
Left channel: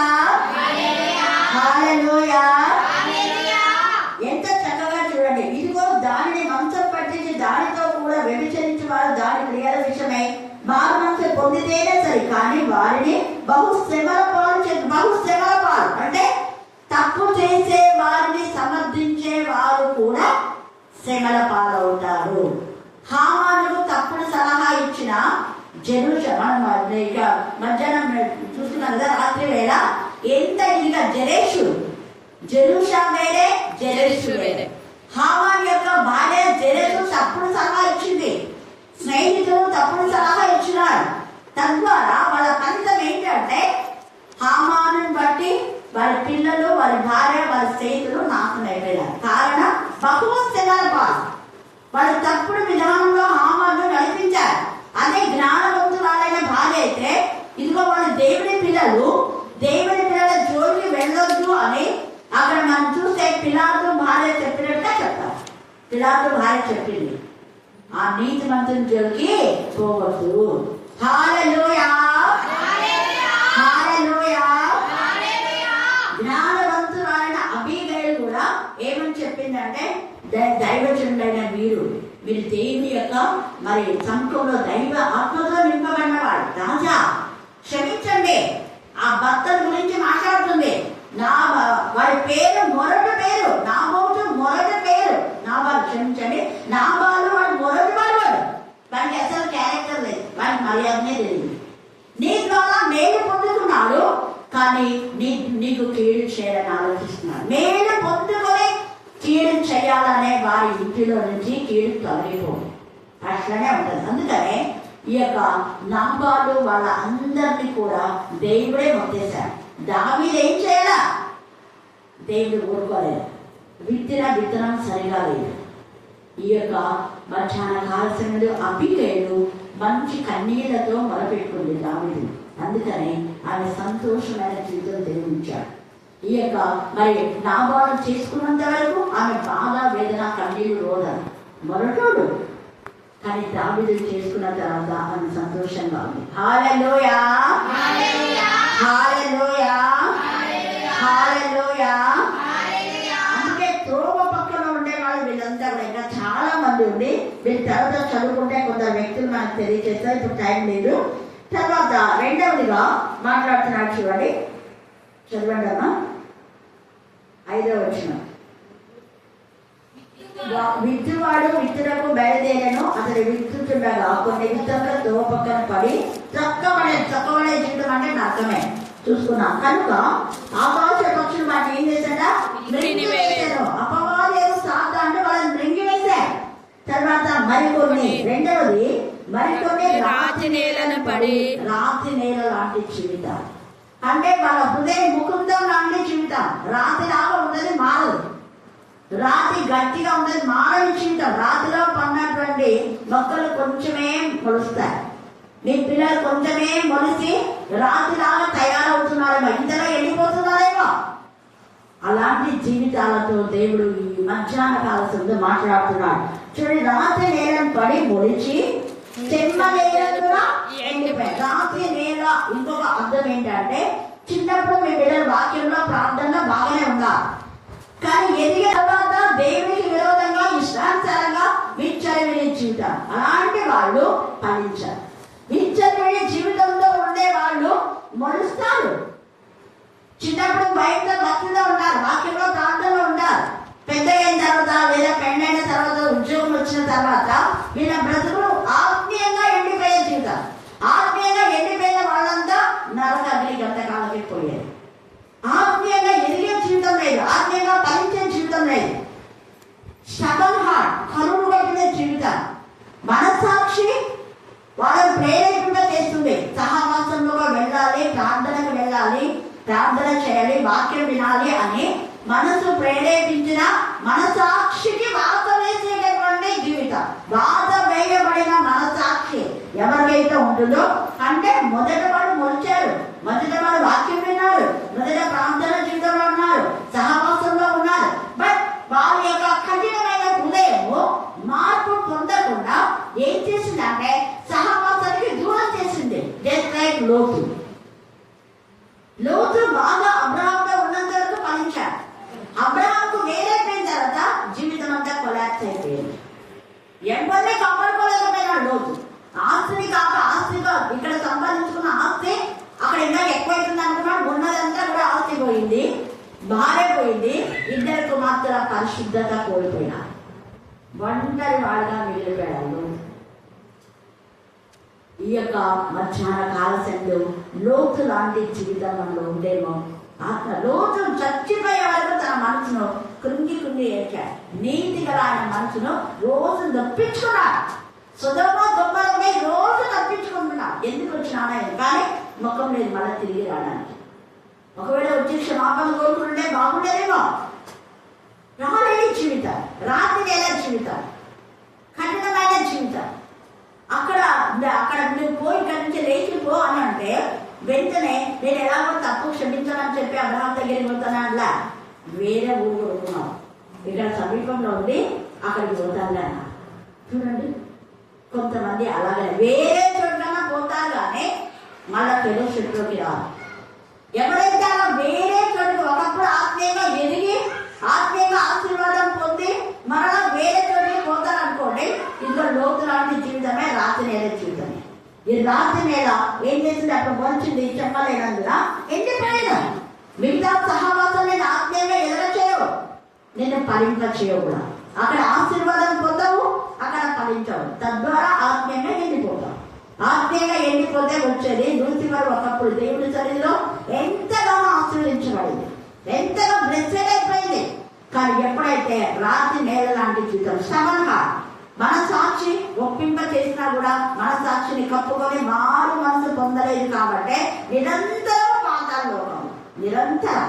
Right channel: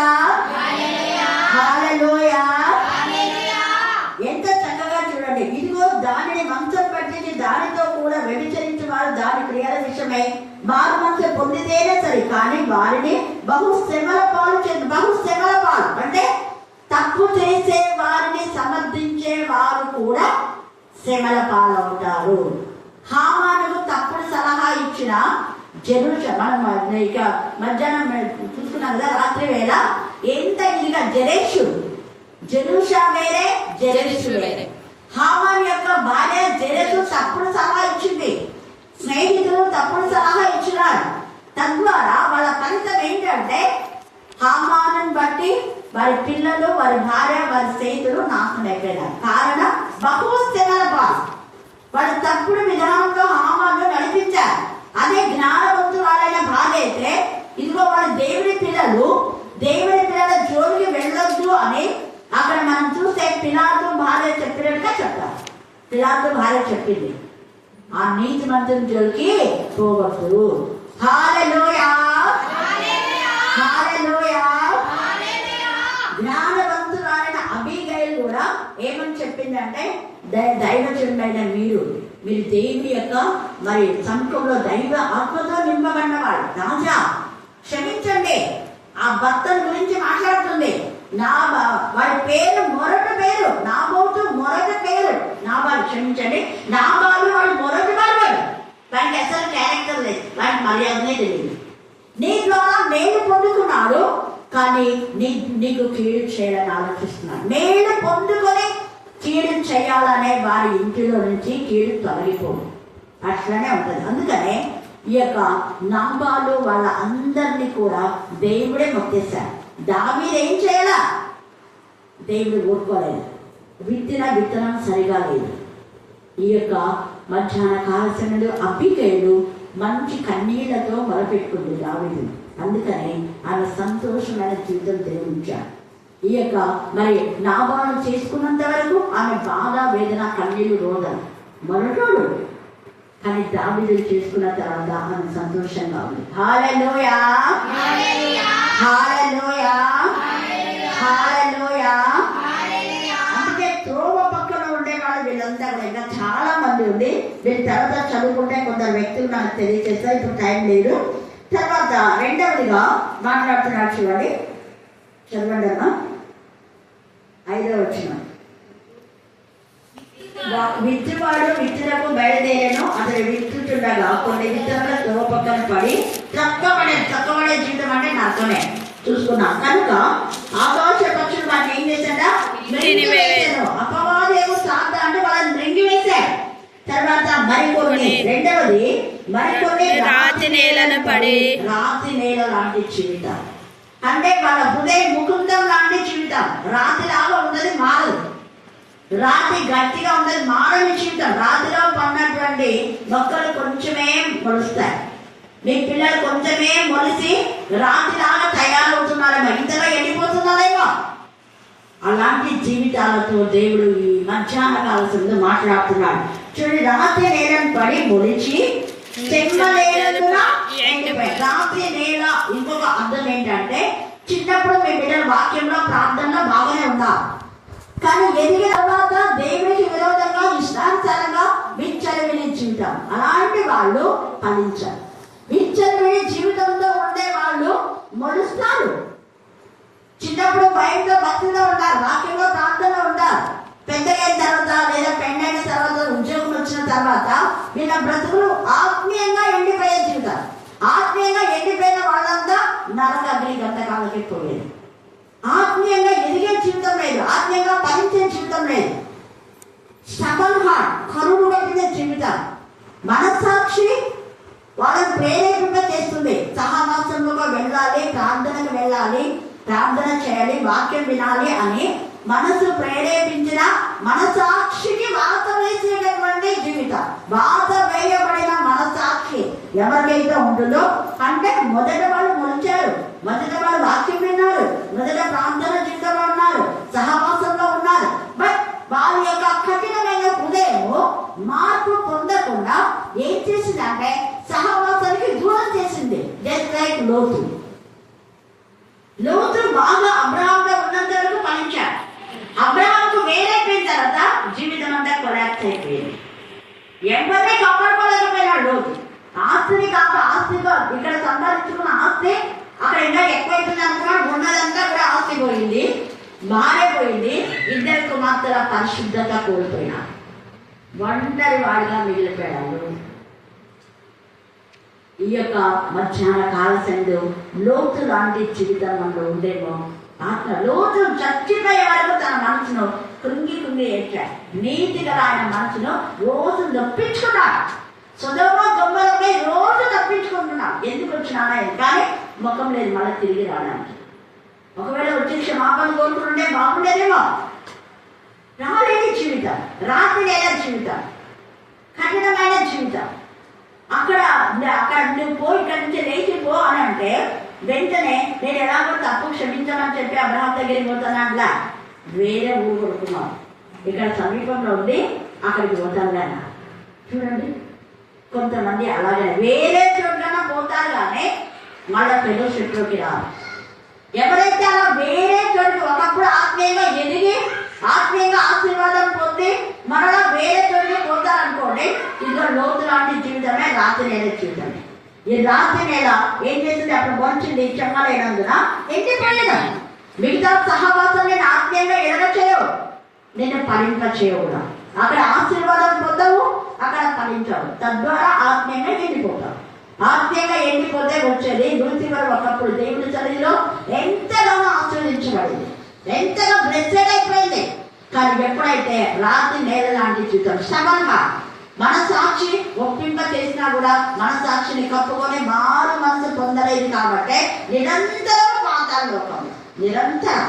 హల్లెలూయా. ఎంత చక్కగా చూడండి. ఇదిగో దానిని మంచం పట్టించి దానితో కూడా వ్యభిచరించి వారు దాని క్రియల విషయమై మారు మనసు పొందితేనే సరి, కానీ వారిని బహుశ్రమల పాలు అంటే తప్పు చేసే వారిని సమర్థించే వారు కూడా శ్రమల పాలవుతారు. హామానుకు తప్పుడు సలహా ఇచ్చిన మనం ఇక మధ్యాహ్నం చూస్తున్నాం కదా, రాత్రి వేళ ఎంత ఇదిగా జెరూషా వేరే. హామాన్ యొక్క భార్య జెరెషు తప్పుడు సలహా ఇచ్చింది, స్నేహితులు తప్పుడు సలహా ఇచ్చినారు. తద్వారా వాళ్ళ ఫలితం ఏంటంటే హామాను బట్టి వారి పిల్లలు, వారి భార్య, వారి స్నేహితులు నాశనం అయిపోయినారు. కారణం బహుశ్రమల పాలు. వాళ్ళు తప్పుడు విధానంలో హామాను నడిపించారు. అదే జ్ఞానవంతురాలైన భార్య అయితే ఇదిగో వాళ్ళు దేవుడి పిల్లల జోలికి వెళ్ళొద్దు అని అక్కడ మనం చూస్తే పిలాతు భార్య చెప్పినట్టుగా చెప్పారు. పిలాతు భార్య చెప్పింది, ఆ నీతి మంత్రుల జోలికి పోవద్దు. హల్లెలూయా, హల్లెలూయా. జ్ఞానవంతురాలైన అబీగైల్ కూడా ఏమని చెప్పిందంటే, దైవజనుడైన మీరు దేవుని యొక్క మరి సముఖంలో దైవ ఆత్మతో నింపబడిన వాడు. రాజా క్షమించండి. ఆ భర్తల గురించి మాట్లాడుతుంది. వాడి పేరు మొదటి పేరు నాబోతు, మొదటి పేరు నాబాలు. క్షమించండి, నాబాలు వాడు మొదటి వాడు. వాడికి అసలు క్యారెక్టర్ లేదు, వాడికి మర్యాదనే తెలియదు. నీ ద్వారా మేలు పొందుకున్నాడు, కానీ నీకు కీడు చేయాలని ఆలోచిస్తున్నాడు. మేలు పొందుకొని కీడు చేయాలనే వారి ఇంటిలో నుంచి కీడు తొలగిపోదు. అట్లనే ఉంటుంది. అందుకనే ఈ యొక్క నాబాలు వాళ్ళ అందరినీ కూడా దేవుడే మొక్కేశాడు. దావీదు ఏం చేయాలా? దేవుడు ఒప్పుకోలేదు. విత్తనం సరిగా లేదు. ఈ యొక్క మధ్యాహ్న కాల సమయంలో అబీగైలు మంచి కన్నీళ్లతో మొరపెట్టుకుంది దావీదు. అందుకనే ఆమె సంతోషమైన జీవితం దేవుడిచ్చాడు. ఈ యొక్క మరి నాబాలు చేసుకున్నంత వరకు ఆమె బాధ, వేదన, కన్నీళ్లు, రోదన మొరటోడు. కానీ దావీదు చేసుకున్న తర్వాత ఆమె సంతోషంగా ఉంది. హల్లెలూయా, హల్లెలూయా, హల్లెలూయా. అందుకే త్రోవ పక్కన ఉండే వాళ్ళు వీళ్ళంతా కూడా ఇంకా చాలా మంది ఉంది. వీళ్ళ తర్వాత చదువుకుంటే కొందరు వ్యక్తులు నాకు తెలియజేస్తారు, ఇప్పుడు టైం లేదు. తర్వాత రెండవదిగా మాట్లాడుతున్నాడు చూడండి, చదవండి అమ్మా. 5వ వచనం. విత్తువాడు విత్తులకు బయలుదేరను, అతడు విత్తుతుండగా కొన్ని విత్తనాల త్రోవ పక్కన పడి చక్కబడే జీవితం అంటే నరకమే చూసుకున్నాం. కనుక ఆకాశ పక్షులు వాటిని ఏం చేశాడా? అపవాదు ఏమో సాధ అంటే వాళ్ళని మృంగివేశాడు. తర్వాత మరికొన్ని, రెండవది మరికొన్ని రాతి నేల లాంటి జీవితం. అంటే వాళ్ళ హృదయ ముకుందం లాంటి జీవితం. రాతి లాగా ఉన్నది మారదు, రాతి గట్టిగా ఉన్నది మారని జీవితం. రాతిలో పడినటువంటి మొక్కలు కొంచెమే మొలుస్తాయి. మీ పిల్లలు కొంచెమే మొలిసి రాతిలాగా తయారవుతున్నారేమో, ఇంతలో వెళ్ళిపోతున్నారేమో. అలాంటి జీవితాలతో దేవుడు ఈ మధ్యాహ్న కాల సమయంలో మాట్లాడుతున్నాడు. చూడండి, రాతి నేలను పడి మొలిచి చెమ్మ నేలగా ఎండిపోయి. రాతి నేల ఇంకొక అర్థం ఏంటంటే, చిన్నప్పుడు మీ పిల్లల వాక్యంలో, ప్రార్థనలో బాగానే ఉన్నారు, కానీ ఎదిగిన తర్వాత దేవునికి విరోధంగా ఇష్టానుసారంగా విచ్చలవిడి జీవితం. అలాంటి వాళ్ళు ఫలించారు. విచ్చలవిడి జీవితంలో ఉండే వాళ్ళు మొలుస్తారు. చిన్నప్పుడు బయట భక్తిలో ఉంటారు, వాక్యంలో ప్రార్థనలో ఉంటారు. పెద్ద అయిన తర్వాత లేదా పెళ్ళైన తర్వాత, ఉద్యోగం వచ్చిన తర్వాత వీళ్ళ బ్రతుకులు ఆత్మీయంగా ఎండిపోయే జీవితం. ఆత్మీయంగా ఎండిపోయిన వాళ్ళంతా నరక అగ్ని గంటకాలకి పోయేది. ఆత్మీయంగా ఎదిగే జీవితం లేదు, ఆత్మీయంగా ఫలించే జీవితం లేదు. స్టబన్ హార్ట్, కరువు పెట్టిన జీవితం. మనస్సాక్షి వాళ్ళని ప్రేరేపింప చేస్తుంది. సహవాసంలో వెళ్ళాలి, ప్రార్థనకు వెళ్ళాలి, ప్రార్థన చేయాలి, వాక్యం వినాలి అని మనసు ప్రేరేపించిన మనసాక్షికి బాధ వేయబడిన మనసాక్షి ఎవరికైతే ఉంటుందో, అంటే మొదట వాళ్ళు మొలిచారు, మొదట వాళ్ళు వాక్యం విన్నారు, మొదట ప్రార్థన జీవితంలో ఉన్నారు, సహవాసంలో ఉన్నారు. బట్ వాళ్ళ యొక్క కఠినమైన హృదయము మార్పు పొందకుండా ఏం చేసిందంటే సహవాసానికి దూరం చేసింది. జస్ట్ లైక్ లోతు బాగా అబ్రహాంలో ఉన్నంత వరకు ఫలించాడు. అబ్రహాంకు వేరైపోయిన తర్వాత జీవితం అంతా కొలాప్స్ అయిపోయింది. ఎవరిని కాపాడుకోలేకపోయినాడు లోతు. ఆస్తిగా ఇక్కడ సంపాదించుకున్న ఆస్తి అక్కడ ఇంకా ఎక్కువైతుంది అనుకున్నాడు. ఉన్నదంతా కూడా ఆస్తి పోయింది, మారైపోయింది. ఇద్దరు కుమార్తెల పరిశుద్ధత కోల్పోయినా ఒంటరి వాడిగా మిగిలిపోయాడు. ఈ యొక్క మధ్యాహ్న కాల సంధ్య లోతు లాంటి జీవితం మనలో ఉండేమో. ఆత్మ లోతు చచ్చిపోయే వరకు తన మనసును కృంగి ఏడ్చాడు. నీతి గల ఆయన మనసును రోజు నొప్పించుకున్నాడు. సొదొమ గొమొర్రాపై రోజు తప్పించుకుంటున్నాడు. ఎందుకు వచ్చినానా కానీ ముఖం లేదు మళ్ళీ తిరిగి రావడానికి. ఒకవేళ వచ్చి క్షమాపణ కోరుకుంటే బాగుండేదేమో. రాలేని జీవితం, రాత్రి నేల జీవితం, కఠినమైన జీవితం. అక్కడ నువ్వు పోయి ఇక్కడి నుంచి లేచిపో అని అంటే వెంటనే నేను ఎలాగో తప్పు క్షమించాలని చెప్పి అబ్రహాం దగ్గరికి పోతాను. అట్లా వేరే ఊరు కొడుకున్నాం, ఇక్కడ సమీపంలో ఉండి అక్కడికి పోతాను. చూడండి, కొంతమంది అలాగే వేరే చోట్ల పోతారు కానీ మళ్ళా ఫెలోషిప్లోకి రాదు. ఎవరైతే అలా వేరే చోటుకి ఒకప్పుడు ఆత్మీయంగా ఎదిగి ఆత్మీయంగా ఆశీర్వాదం పొంది మరలా వేరే చోటుకి పోతారనుకోండి, ఇందులో లోతు లాంటి జీవితమే రాత్రి నేల జీవితమే. ఈ రాత్రి నేల ఏం చేసింది? అప్పుడు వంచింది చెప్పలేనందున ఎండిపోయేది. మిగతా సహవాసాన్ని ఆత్మీయంగా ఎదగ చేయవు, నేను ఫలింప చేయవు. అక్కడ ఆశీర్వాదం పొందవు, అక్కడ ఫలించవు. తద్వారా ఆత్మీయంగా ఎండిపోతావు. ఆత్మీయంగా ఎండిపోతే వచ్చేది లూసిఫర్ ఒకప్పుడు దేవుడి సన్నిధిలో ఎంతగానో ఆస్వాదించబడింది, ఎంతగా బ్లెస్సెడ్ అయిపోయింది. కానీ ఎప్పుడైతే రాత్రి నేల లాంటి జీవితం శ్రమంగా మన సాక్షి ఒప్పింప చేసినా కూడా మన సాక్షిని కప్పుకొని మారు మనసు పొందలేదు. కాబట్టి నిరంతరం పాతాళ లోకం, నిరంతరం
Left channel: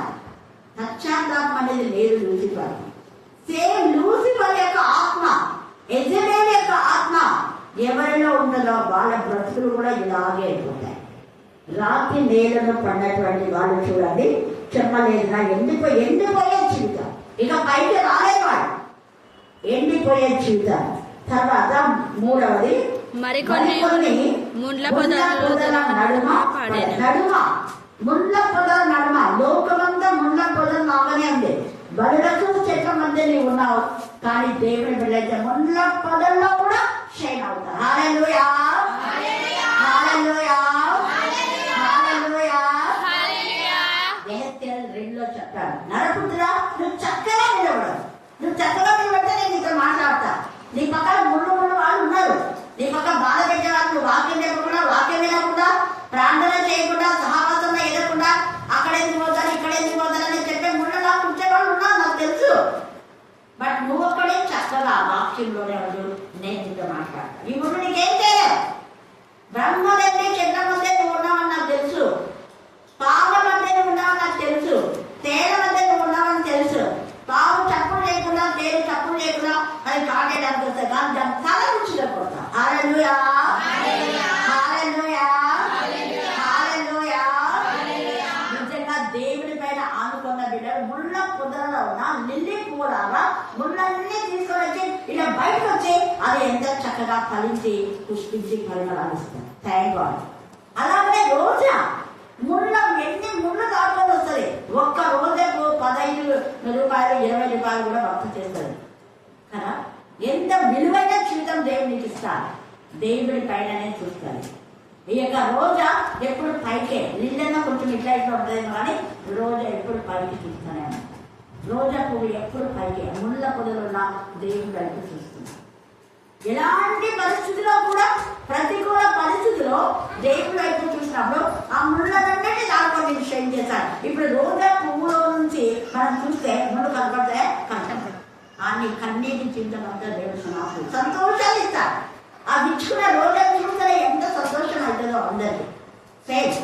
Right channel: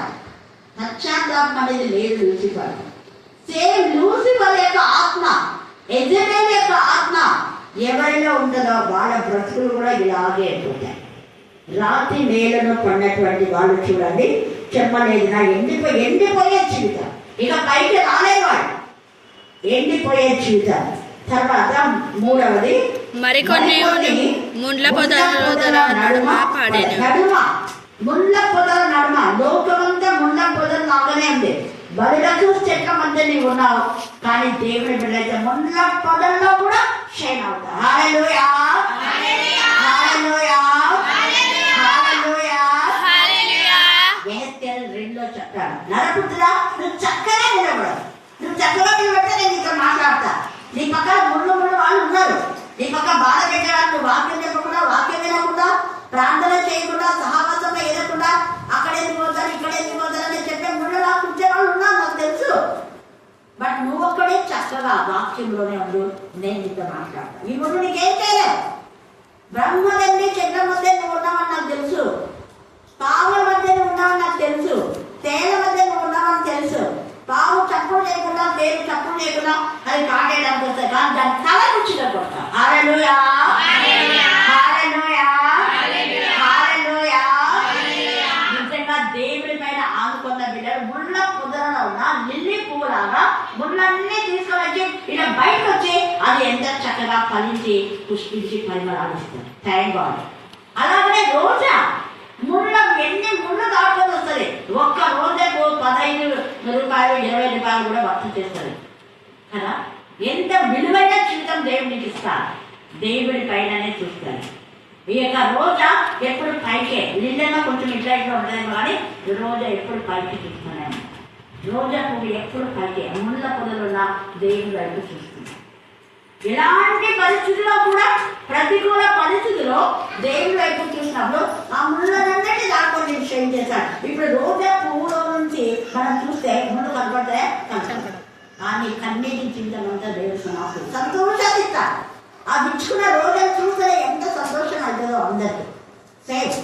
పశ్చాత్తాపం అనేది లేదు. లూసిఫర్ సేమ్ లూసిఫర్ యొక్క ఆత్మ, యెజబెల్ యొక్క ఆత్మ ఎవరిలో ఉంటుందో వాళ్ళ బ్రతుకులు కూడా ఇలాగే అయిపోతాయి. రాత్రి నేలను పడినటువంటి వాళ్ళు చూడండి, చెప్పలేదు నా ఎండిపోయే జీవితం, ఇక పైకి రాలేదు వాళ్ళు, ఎండిపోయే జీవితం. తర్వాత మూడవది మరికొన్ని ముండ్ల పొదల నడుమ ముళ్ళ పొదల నడుమ. లోకమంతా ముళ్ళ పొదలు లాగానే ఉంది. బలులకు చెట్ల మధ్య నీవు ఉన్నావు, కానీ దేవుని బిడ్డలైతే ముళ్ళ పొదల్లో కూడా షైన్ అవుతారు. హల్లెలూయా, హల్లెలూయా, హల్లెలూయా. ఎహెజ్కేలు 2లో చెప్తాడు, నరపుత్రుడా నువ్వు చక్కగా నిలబడు, నువ్వు చక్కగా నిలబడితే నేను నీతో మాట్లాడతా. నీ పక్కన ముళ్ళు వాళ్ళు ఉన్నారు, నీ పక్క బాధ పెట్టేవాళ్ళు, నువ్వు వాక్యం చెప్పకుండా, వాక్యం వినకుండా, ప్రార్థన చేయకుండా, సహవాసంలో ఎదగకుండా అక్కడ ఎందుకు పోతారు ఇక్కడ ఎందుకు పోతారని చెప్పే ముళ్ళలా కూర్చేవాళ్ళు ఉన్నారు, నాకు తెలుసు. బట్ నువ్వు ఒక్కడే చక్కగా వాక్యంలోనే ఉండు, నేను నీతో మాట్లాడతాను. ఈ ముళ్ళు నీకేం చేయలేదు. బ్రహ్మదండి చెడ్డ మధ్య నువ్వు ఉన్నావని నాకు తెలుసు, పావుల మధ్య నువ్వు ఉన్నావని నాకు తెలుసు, తేల మధ్య నువ్వు ఉన్నావని తెలుసు. పావు చప్పుడు చేయకుండా, తేలు చప్పుడు చేయకుండా అది కాటేయడానికి వస్తాయి, కానీ దాని తల రుచిగా కొడతా. హల్లెలూయా, హల్లెలూయా, హల్లెలూయా. నిజంగా దేవుడి పైన ఆనుకున్న బిడ్డలు ముళ్ళ పొదలలో ఉన్న లిల్లీ పువ్వులాగా ముళ్ళన్నీ తీసుకొని వచ్చి ఇలా బయటకు వచ్చి అది ఎంత చక్కగా ఫలించి పుష్పించి పరిమళాలు ఇస్తుంది. Thank God. అలాగనే రోజా ఎన్ని ముళ్ళు దాటుకొని వస్తుంది. ఒక్క రోజుకు 15 రూపాయలు 20 రూపాయలు కూడా వర్త చేస్తుంది కదా. ఎంత విలువైన జీవితం దేవునికి ఇస్తారు, దేవుడి పైననే చూస్తారు. ఈ యొక్క రోజా ఎప్పుడు పైకే, నిన్న కొంచెం ఇట్లా ఉంటుందేమో కానీ రోజా ఎప్పుడు పైకి చూస్తానే. రోజా పువ్వు ఎప్పుడు పైకే, ముళ్ళ పొదలున్న దేవుడి వైపు చూస్తుంది. ఎలాంటి పరిస్థితిలో కూడా, ప్రతికూల పరిస్థితిలో దేవుడి వైపు చూసినప్పుడు ఆ ముళ్ళనంటే దాంట్లో షైన్ చేశాడు. ఇప్పుడు రోజా పువ్వులో నుంచి మనం చూస్తే ముళ్ళు కనపడితే కానీ కన్నీటి జీవితం అంతా దేవుడు సంతోషాన్ని ఇస్తాడు. ఆ విచ్చుకున్న రోజులు చూస్తే ఎంత సంతోషం అవుతుందో అందరికి. సేమ్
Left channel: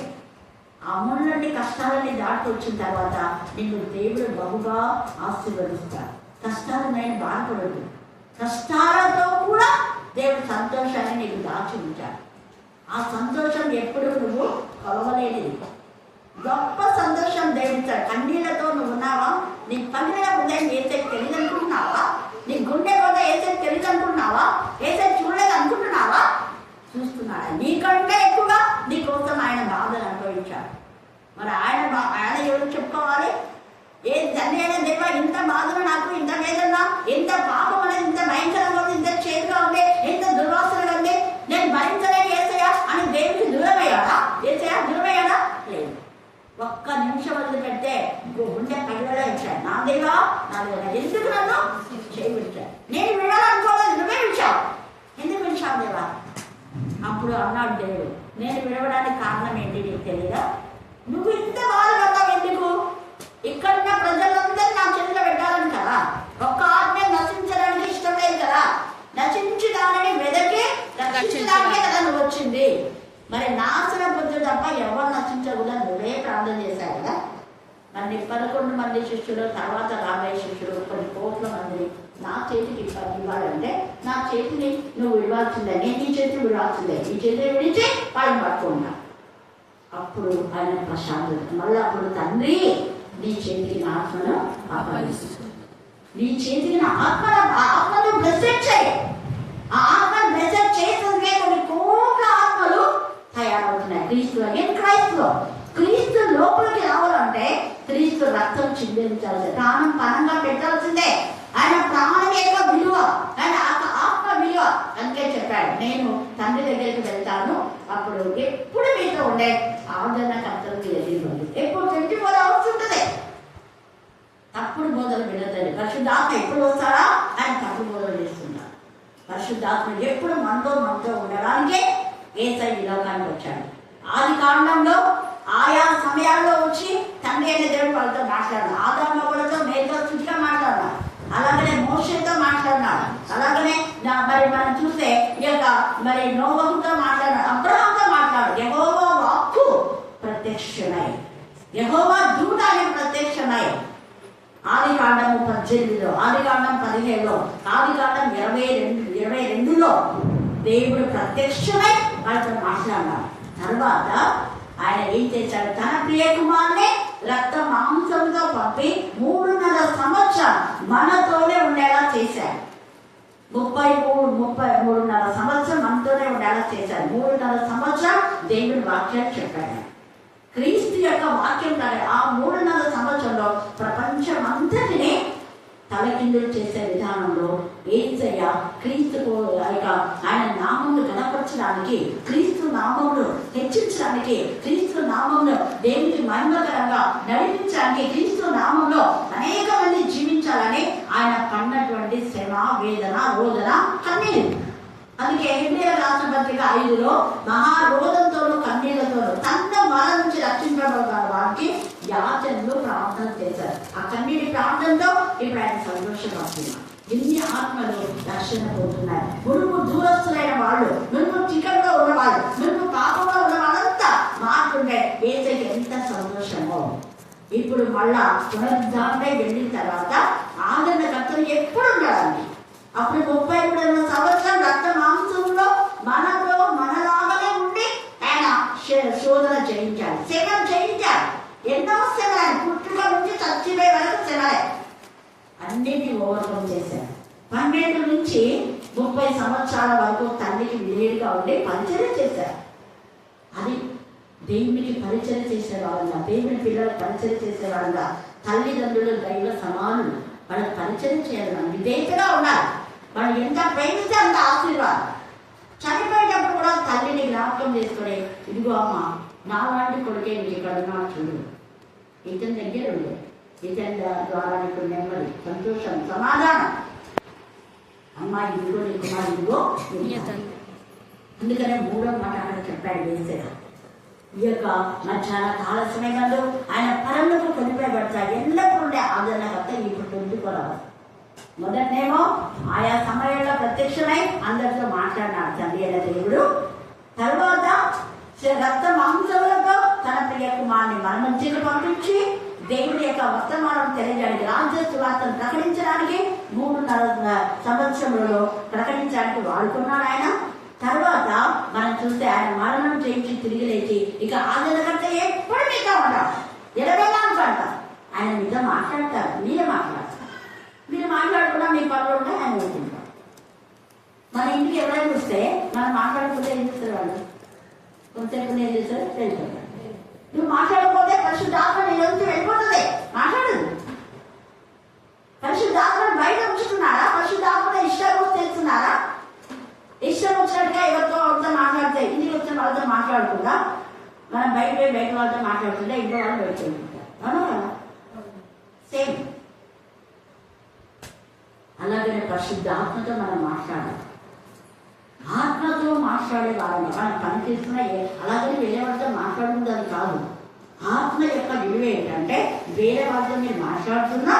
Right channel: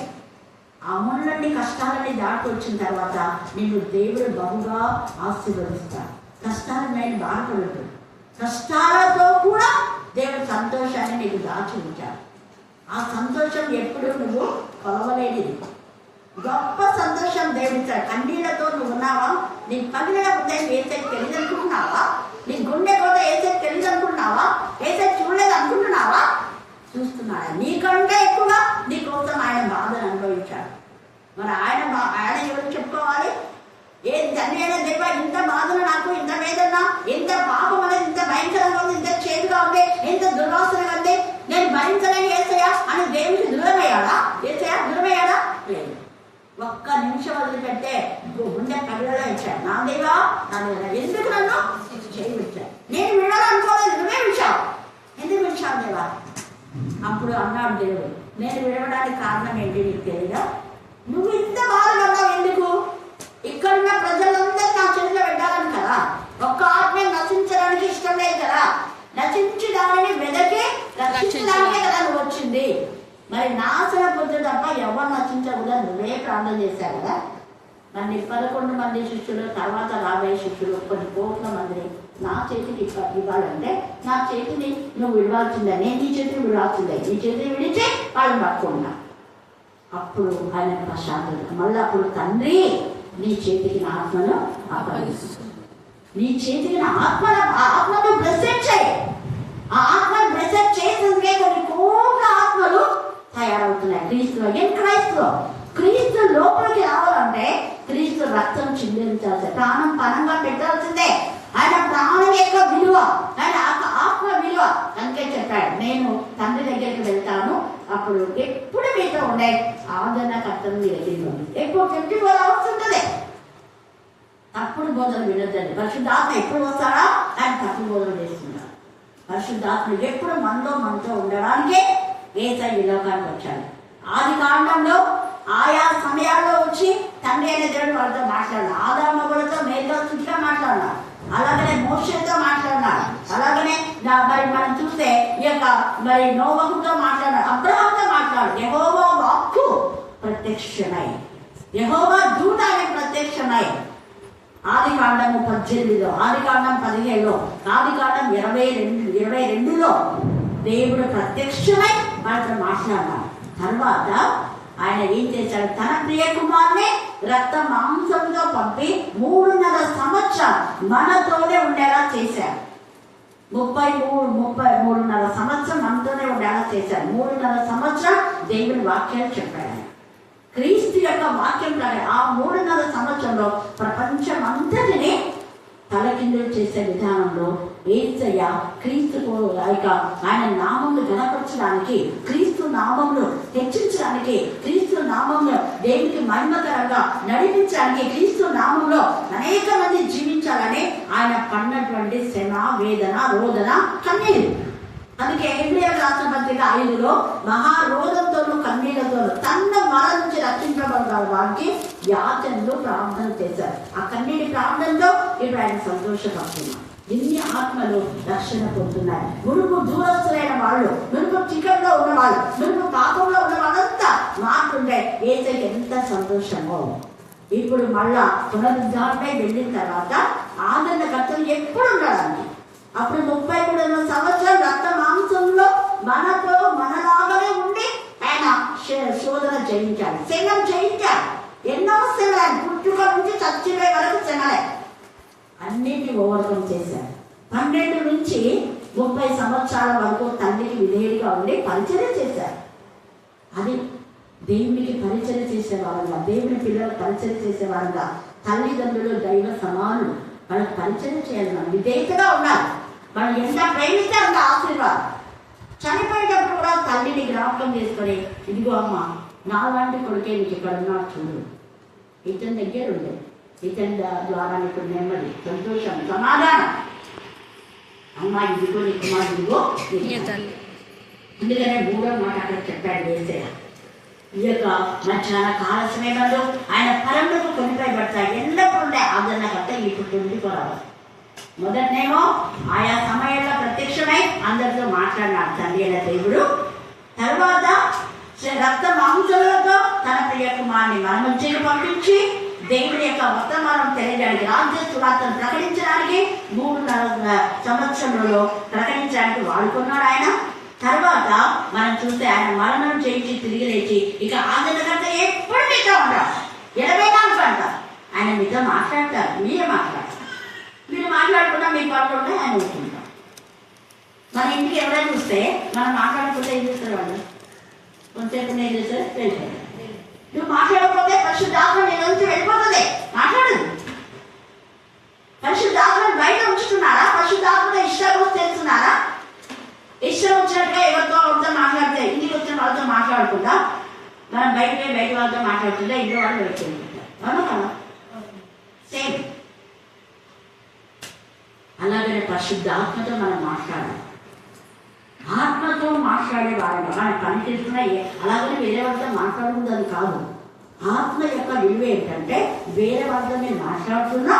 ఆ ముళ్ళన్ని కష్టాలని దాటి వచ్చిన తర్వాత నిన్ను దేవుడు బహుగా ఆశీర్వదిస్తాడు. కష్టాలు నేను బాధపడదు, కష్టాలతో కూడా దేవుడు సంతోషాన్ని నీకు దాచి ఉంచాడు. ఆ సంతోషం ఎప్పుడు నువ్వు కొలవలేనిది. గొప్ప సంతోషం దేవుడిచ్చాడు. కన్నీళ్లతో నువ్వు ఉన్నావా? నీ పగిలిన హృదయం ఏసైకి తెలియదు అనుకుంటున్నావా? నీ గుండె కూడా ఏసైకి తెలియదు అనుకుంటున్నావా? ఏసై చూడలేదు అనుకుంటున్నావా? చూస్తున్నాడా? నీకంటే ఎక్కువగా నీ కోసం ఆయన బాధను అనుభవించాడు. మరి ఆయన ఎవరు చెప్పుకోవాలి? ఏ తండ్రి అయినా దేవా, ఇంత బాధలు నాకు, ఇంత వేదన, ఇంత పాపం అనేది ఇంత భయంకరంగా ఉంది, ఇంత చేదుగా ఉంది, ఇంత దుర్వాసనగా ఉంది, నేను భరించలేని ఏసయ్యా అని దేవుడికి దూరమయ్యాడా? ఏసయ్యా దూరమయ్యాడా? లేదు. ఒక్క నిమిషం వదిలిపెట్టే గుండె పగిలేలా ఇచ్చాడు. నా దేవా, నా దేవా, ఎందుకు నన్ను చేయబిచ్చాడు? నేను వినాలనుకోలేదు, నువ్వే విడిచావు. ఎందుకు విడిచావు దేవా? అప్పుడు అన్నాడు దేవుడు, నేను విడవడానికి కారణం ఏంటి నీకు తెలియదా? నువ్వు ఇంత బాధపడ్డావు ఎందుకు? ఇక్కడున్న ప్రజలందరూ నా చేతిలో పెట్టాలని కదా. ఒక్క ఆత్మ నశించడానికి ఇష్టం లేదు కదా. నశించి దానిని వెదకి రక్షించడానికే కదా నువ్వు వచ్చింది. మరి నాశన పొద్దు తప్ప ఎవరు నశించకూడదు నువ్వే ప్రార్థన చేశావు కదా. మరి 11 మంది శిష్యులు, తర్వాత 40 శిష్యులు, కొన్ని కోట్ల మందిని నా చేతికి ఇవ్వాలంటే నా చేతిని నువ్వు విడవాల్సిందే, నేను నీ చేతిని విడవాల్సిందే. నీ చేతిని విడిచి వాళ్ళని పట్టుకున్నా. అప్పుడు ఆయన ప్రశాంతత. మళ్ళీ అప్పుడు తండ్రి నీ చేతికి నా ఆత్మను అప్పగిస్తుంది. నీ చేతికి నా ఆత్మను బ్లెస్సెడ్ చేయి. ఆ ఆత్మను బ్లెస్సెడ్ చేస్తుంటే కొన్ని కోట్ల ఆత్మలు తయారవుతున్నాయి. క్రీస్తు లోపలికి రావాలంటే క్రీస్తు రక్తం చిందించాల్సి, ప్రాణం పనంగా పెట్టాల్సిందే. ఆయన ప్రాణం యొక్క విలువ, ఆయన ఆత్మ విలువ. అందుకే చెప్పాడు, నేను తండ్రి దగ్గరికి వెళ్తాను, అప్పుడు ఎప్పుడు మీతో ఉండే ఆదరణకర్తలు మీ దగ్గరికి ఉంది. ఎప్పుడు 24 hours ఉంటుంది. తప్పుడు బోధలు వినద్దండి. పరిశుద్ధాత్మ ఎప్పుడు వస్తారా? ఆయన తప్పుడు బోధలు చేస్తున్నారు. పరిశుద్ధాత్మ ఎప్పుడు మనతో ఉండడానికే యేసయ్య ఈ లోకానికి వచ్చాడు. ఆది కాండంలో ఆయా సమయాల్లో వచ్చి తండ్రి అనే దేవుడు వాళ్ళతో మాట్లాడినాడు. ఆదాము వాళ్ళతో నేరుగా సూటిగా మాట్లాడినాడు. అలాగనే మోషేతో మాట్లాడినాడు. అలాగనే మరి మనం చూస్తే ఈ యొక్క మరి నోవహుతో మాట్లాడాడు, అబ్రహాంతో మాట్లాడు. యెహోవా వాక్కు ప్రత్యక్షమై, యెహోవా దూత అనే ప్రత్యక్షమై. ఆది కాండము 18లో, ఆది కాండం 17లో, ఆది కాండం 22లో దేవుడు ప్రత్యక్షమై వాళ్ళతో మాట్లాడినాడు. తర్వాత ఆయన ఏం చేశాడు? తన ప్రియ కుమార్ని రక్త మాంసంతో పంపి 3.5 సంవత్సరం మనతోనే ఉండేలా చేశాడు. 33.5 సంవత్సరం మనతోనే ఉండేలా చేశాడు. 3.5 సంవత్సరం దేవుని వాక్యాలు చెప్పాడు. క్రీస్తు యొక్క వాక్యం కానీ ఆ 3.5 సంవత్సరంలో ప్రపంచం అంతటిని తలకిందులు చేసే విధానంలో యేసయ్య క్రీస్తు ఆయన నామమును గణపరచడానికి, క్రీస్తు నామమును హెచ్చించడానికి, క్రీస్తు నామమును దేవునికి మహిమకరంగా నడిపించడానికి, క్రీస్తు నామంలో అనేక మంది జీవించాలని ఆయన పడినటువంటి శ్రమ, వేదన, రోదన, కన్నీరు. అందుకే హెబ్రీయులకు రాసిన పత్రిక 5లో మహారోధంతోనూ కన్నీళ్లతోనూ తన మల నుంచి రక్షించబడ్డ వారికి యాచనలు ప్రార్థన చేశారు. ఆ కన్నీటి ప్రార్థనతో ఇప్పుడు ఆయన సంతోషపడుతున్నారు. ఎన్ని ఆత్మలు రక్షణ పొందుతున్నాయి. మునుపు దూరస్తులైన వాళ్ళు, మునుపు చికంలో ఉన్నవాళ్ళు, మునుపు పాపంలో ఉన్న వాళ్ళంతా మాట్లాడే యేసయ్యకి ఎంత సంతోషమో. ఇప్పుడు మళ్ళా పునరుద్ధారణై వెళ్ళిన తర్వాత ఆదరణకర్తలు ఎప్పుడు ఉండాలని, అప్పుడు 33 సంవత్సరాలు రక్త మాంసంలో మనతో మనలాగానే ఉండి ఆయన శోధన చేయించాడు, శ్రమం చేయించాడు. ఎన్నో శ్రమలు, ఆయన పుట్టుక నుంచి చచ్చిపోయే వరకు శ్రమలే. అన్నింటినీ ఓవర్కమ్ చేశాడు. 12 నుంచి 30 సంవత్సరాల వరకు తండ్రికి విధేయుడిగా ఉండి పరిచర్య చేశారు. అది దేవునికి పరిచర్య చేసేవారుగా, దేవుని పిల్లలకు పరిచర్య చేసేవారుగా, తల్లిదండ్రులు దైవ సమానులు, వాళ్ళకి పరిచర్య చేయాలి, విధేయతగా ఉండాలి. వాళ్ళు ఎంత ప్రేమిస్తే అంత ఆశీర్వాదం. చనిపోయేటప్పుడు కూడా తల్లిని జ్ఞాపకం చేసుకొని, ఇదిగో అమ్మ, నా లాంటి కొడుకే నీకు ఇక్కడ ఉన్నాడు చూడు, ఇతని దగ్గర ఉండే, ఇతని ద్వారా నీకు నెమ్మది, సంతోషం, సమాధానం. అమ్మ ఇదిగో నీ కుమారు, ఇదిగో తల్లి. అందుకనే 3వ మాట అక్కడ చెప్పాడు యేసయ్య. ఈ యొక్క మధ్యాహ్న కాల సమయంలో ఆయన పరములకు కొనిపోయబడతాయి. ఎల్లప్పుడు ఉండే ఆదరణకర్త ఇప్పుడు 24 hours. మొదటనేమో ఆయా సమయంలో ప్రత్యక్షమై అందరితో మాట్లాడినాడు తండ్రి అయిన దేవుడు. తర్వాత రక్త మాంసములతో తన ప్రియ కుమారుని మన మధ్యకు పంపించి దేవుడి యొక్క వర్తమానం తెలియడానికి, రాజ్య సువార్తను ప్రకటించడానికి 3.5 సంవత్సరంలో ప్రకటించడానికి వాడుకున్నాడు ఆయన. తర్వాత మనం చూస్తే ఆయన మరణం చేయించి తిరిగి లేచి ఇక ఆదరణకర్త ఎప్పుడు మీతో ఉంటారు, 24 గంటలు ఆయన మీతో మాట్లాడతారు. మీరు మాట్లాడతారు, మీరు మాట్లాడకుండా మీ పనులు ఉంటే ఆయన ఊరుకుంటారు. మన ఇంటికి ఎవరైనా చూస్తే మనం మాట్లాడకపోతే ఏం చేస్తారు వాళ్ళు? కొంచెం ఏం చేస్తారు వెళ్ళిపోతారు. నువ్వు మాట్లాడకపోతే పరిశుద్ధాత్మ నీ నుంచి వెళ్ళిపోతుంది. మాట్లాడదు. పరిశుద్ధాత్మను బయట ఉంచుతున్నారా? పరిశుద్ధాత్మలో ఇష్టం తెలుస్తున్నారా? ఇష్టం వచ్చినట్టుగా ఎవరితో వాళ్ళతో మాట్లాడితే ఇంటికి వచ్చిన వాళ్ళతో మాట్లాడకుండా మనం బయట వాళ్ళతో మాట్లాడుతుంటే ఇంట్లో వాళ్ళు వెళ్ళిపోతుంటారు. అవునా కదా? సేమ్ అలాగనే పరిశుద్ధాత్మతో మనం మాట్లాడాలి. ఆత్మతో మాట్లాడే వారిని మన పని చేస్తున్నా అలాగని వేరే వాళ్ళతో మాట్లాడుతుంది అది కాదు. ఆత్మ యొక్క విలువ ఏంటంటే వేరే వాళ్ళతో మీరు మాట్లాడుతున్నా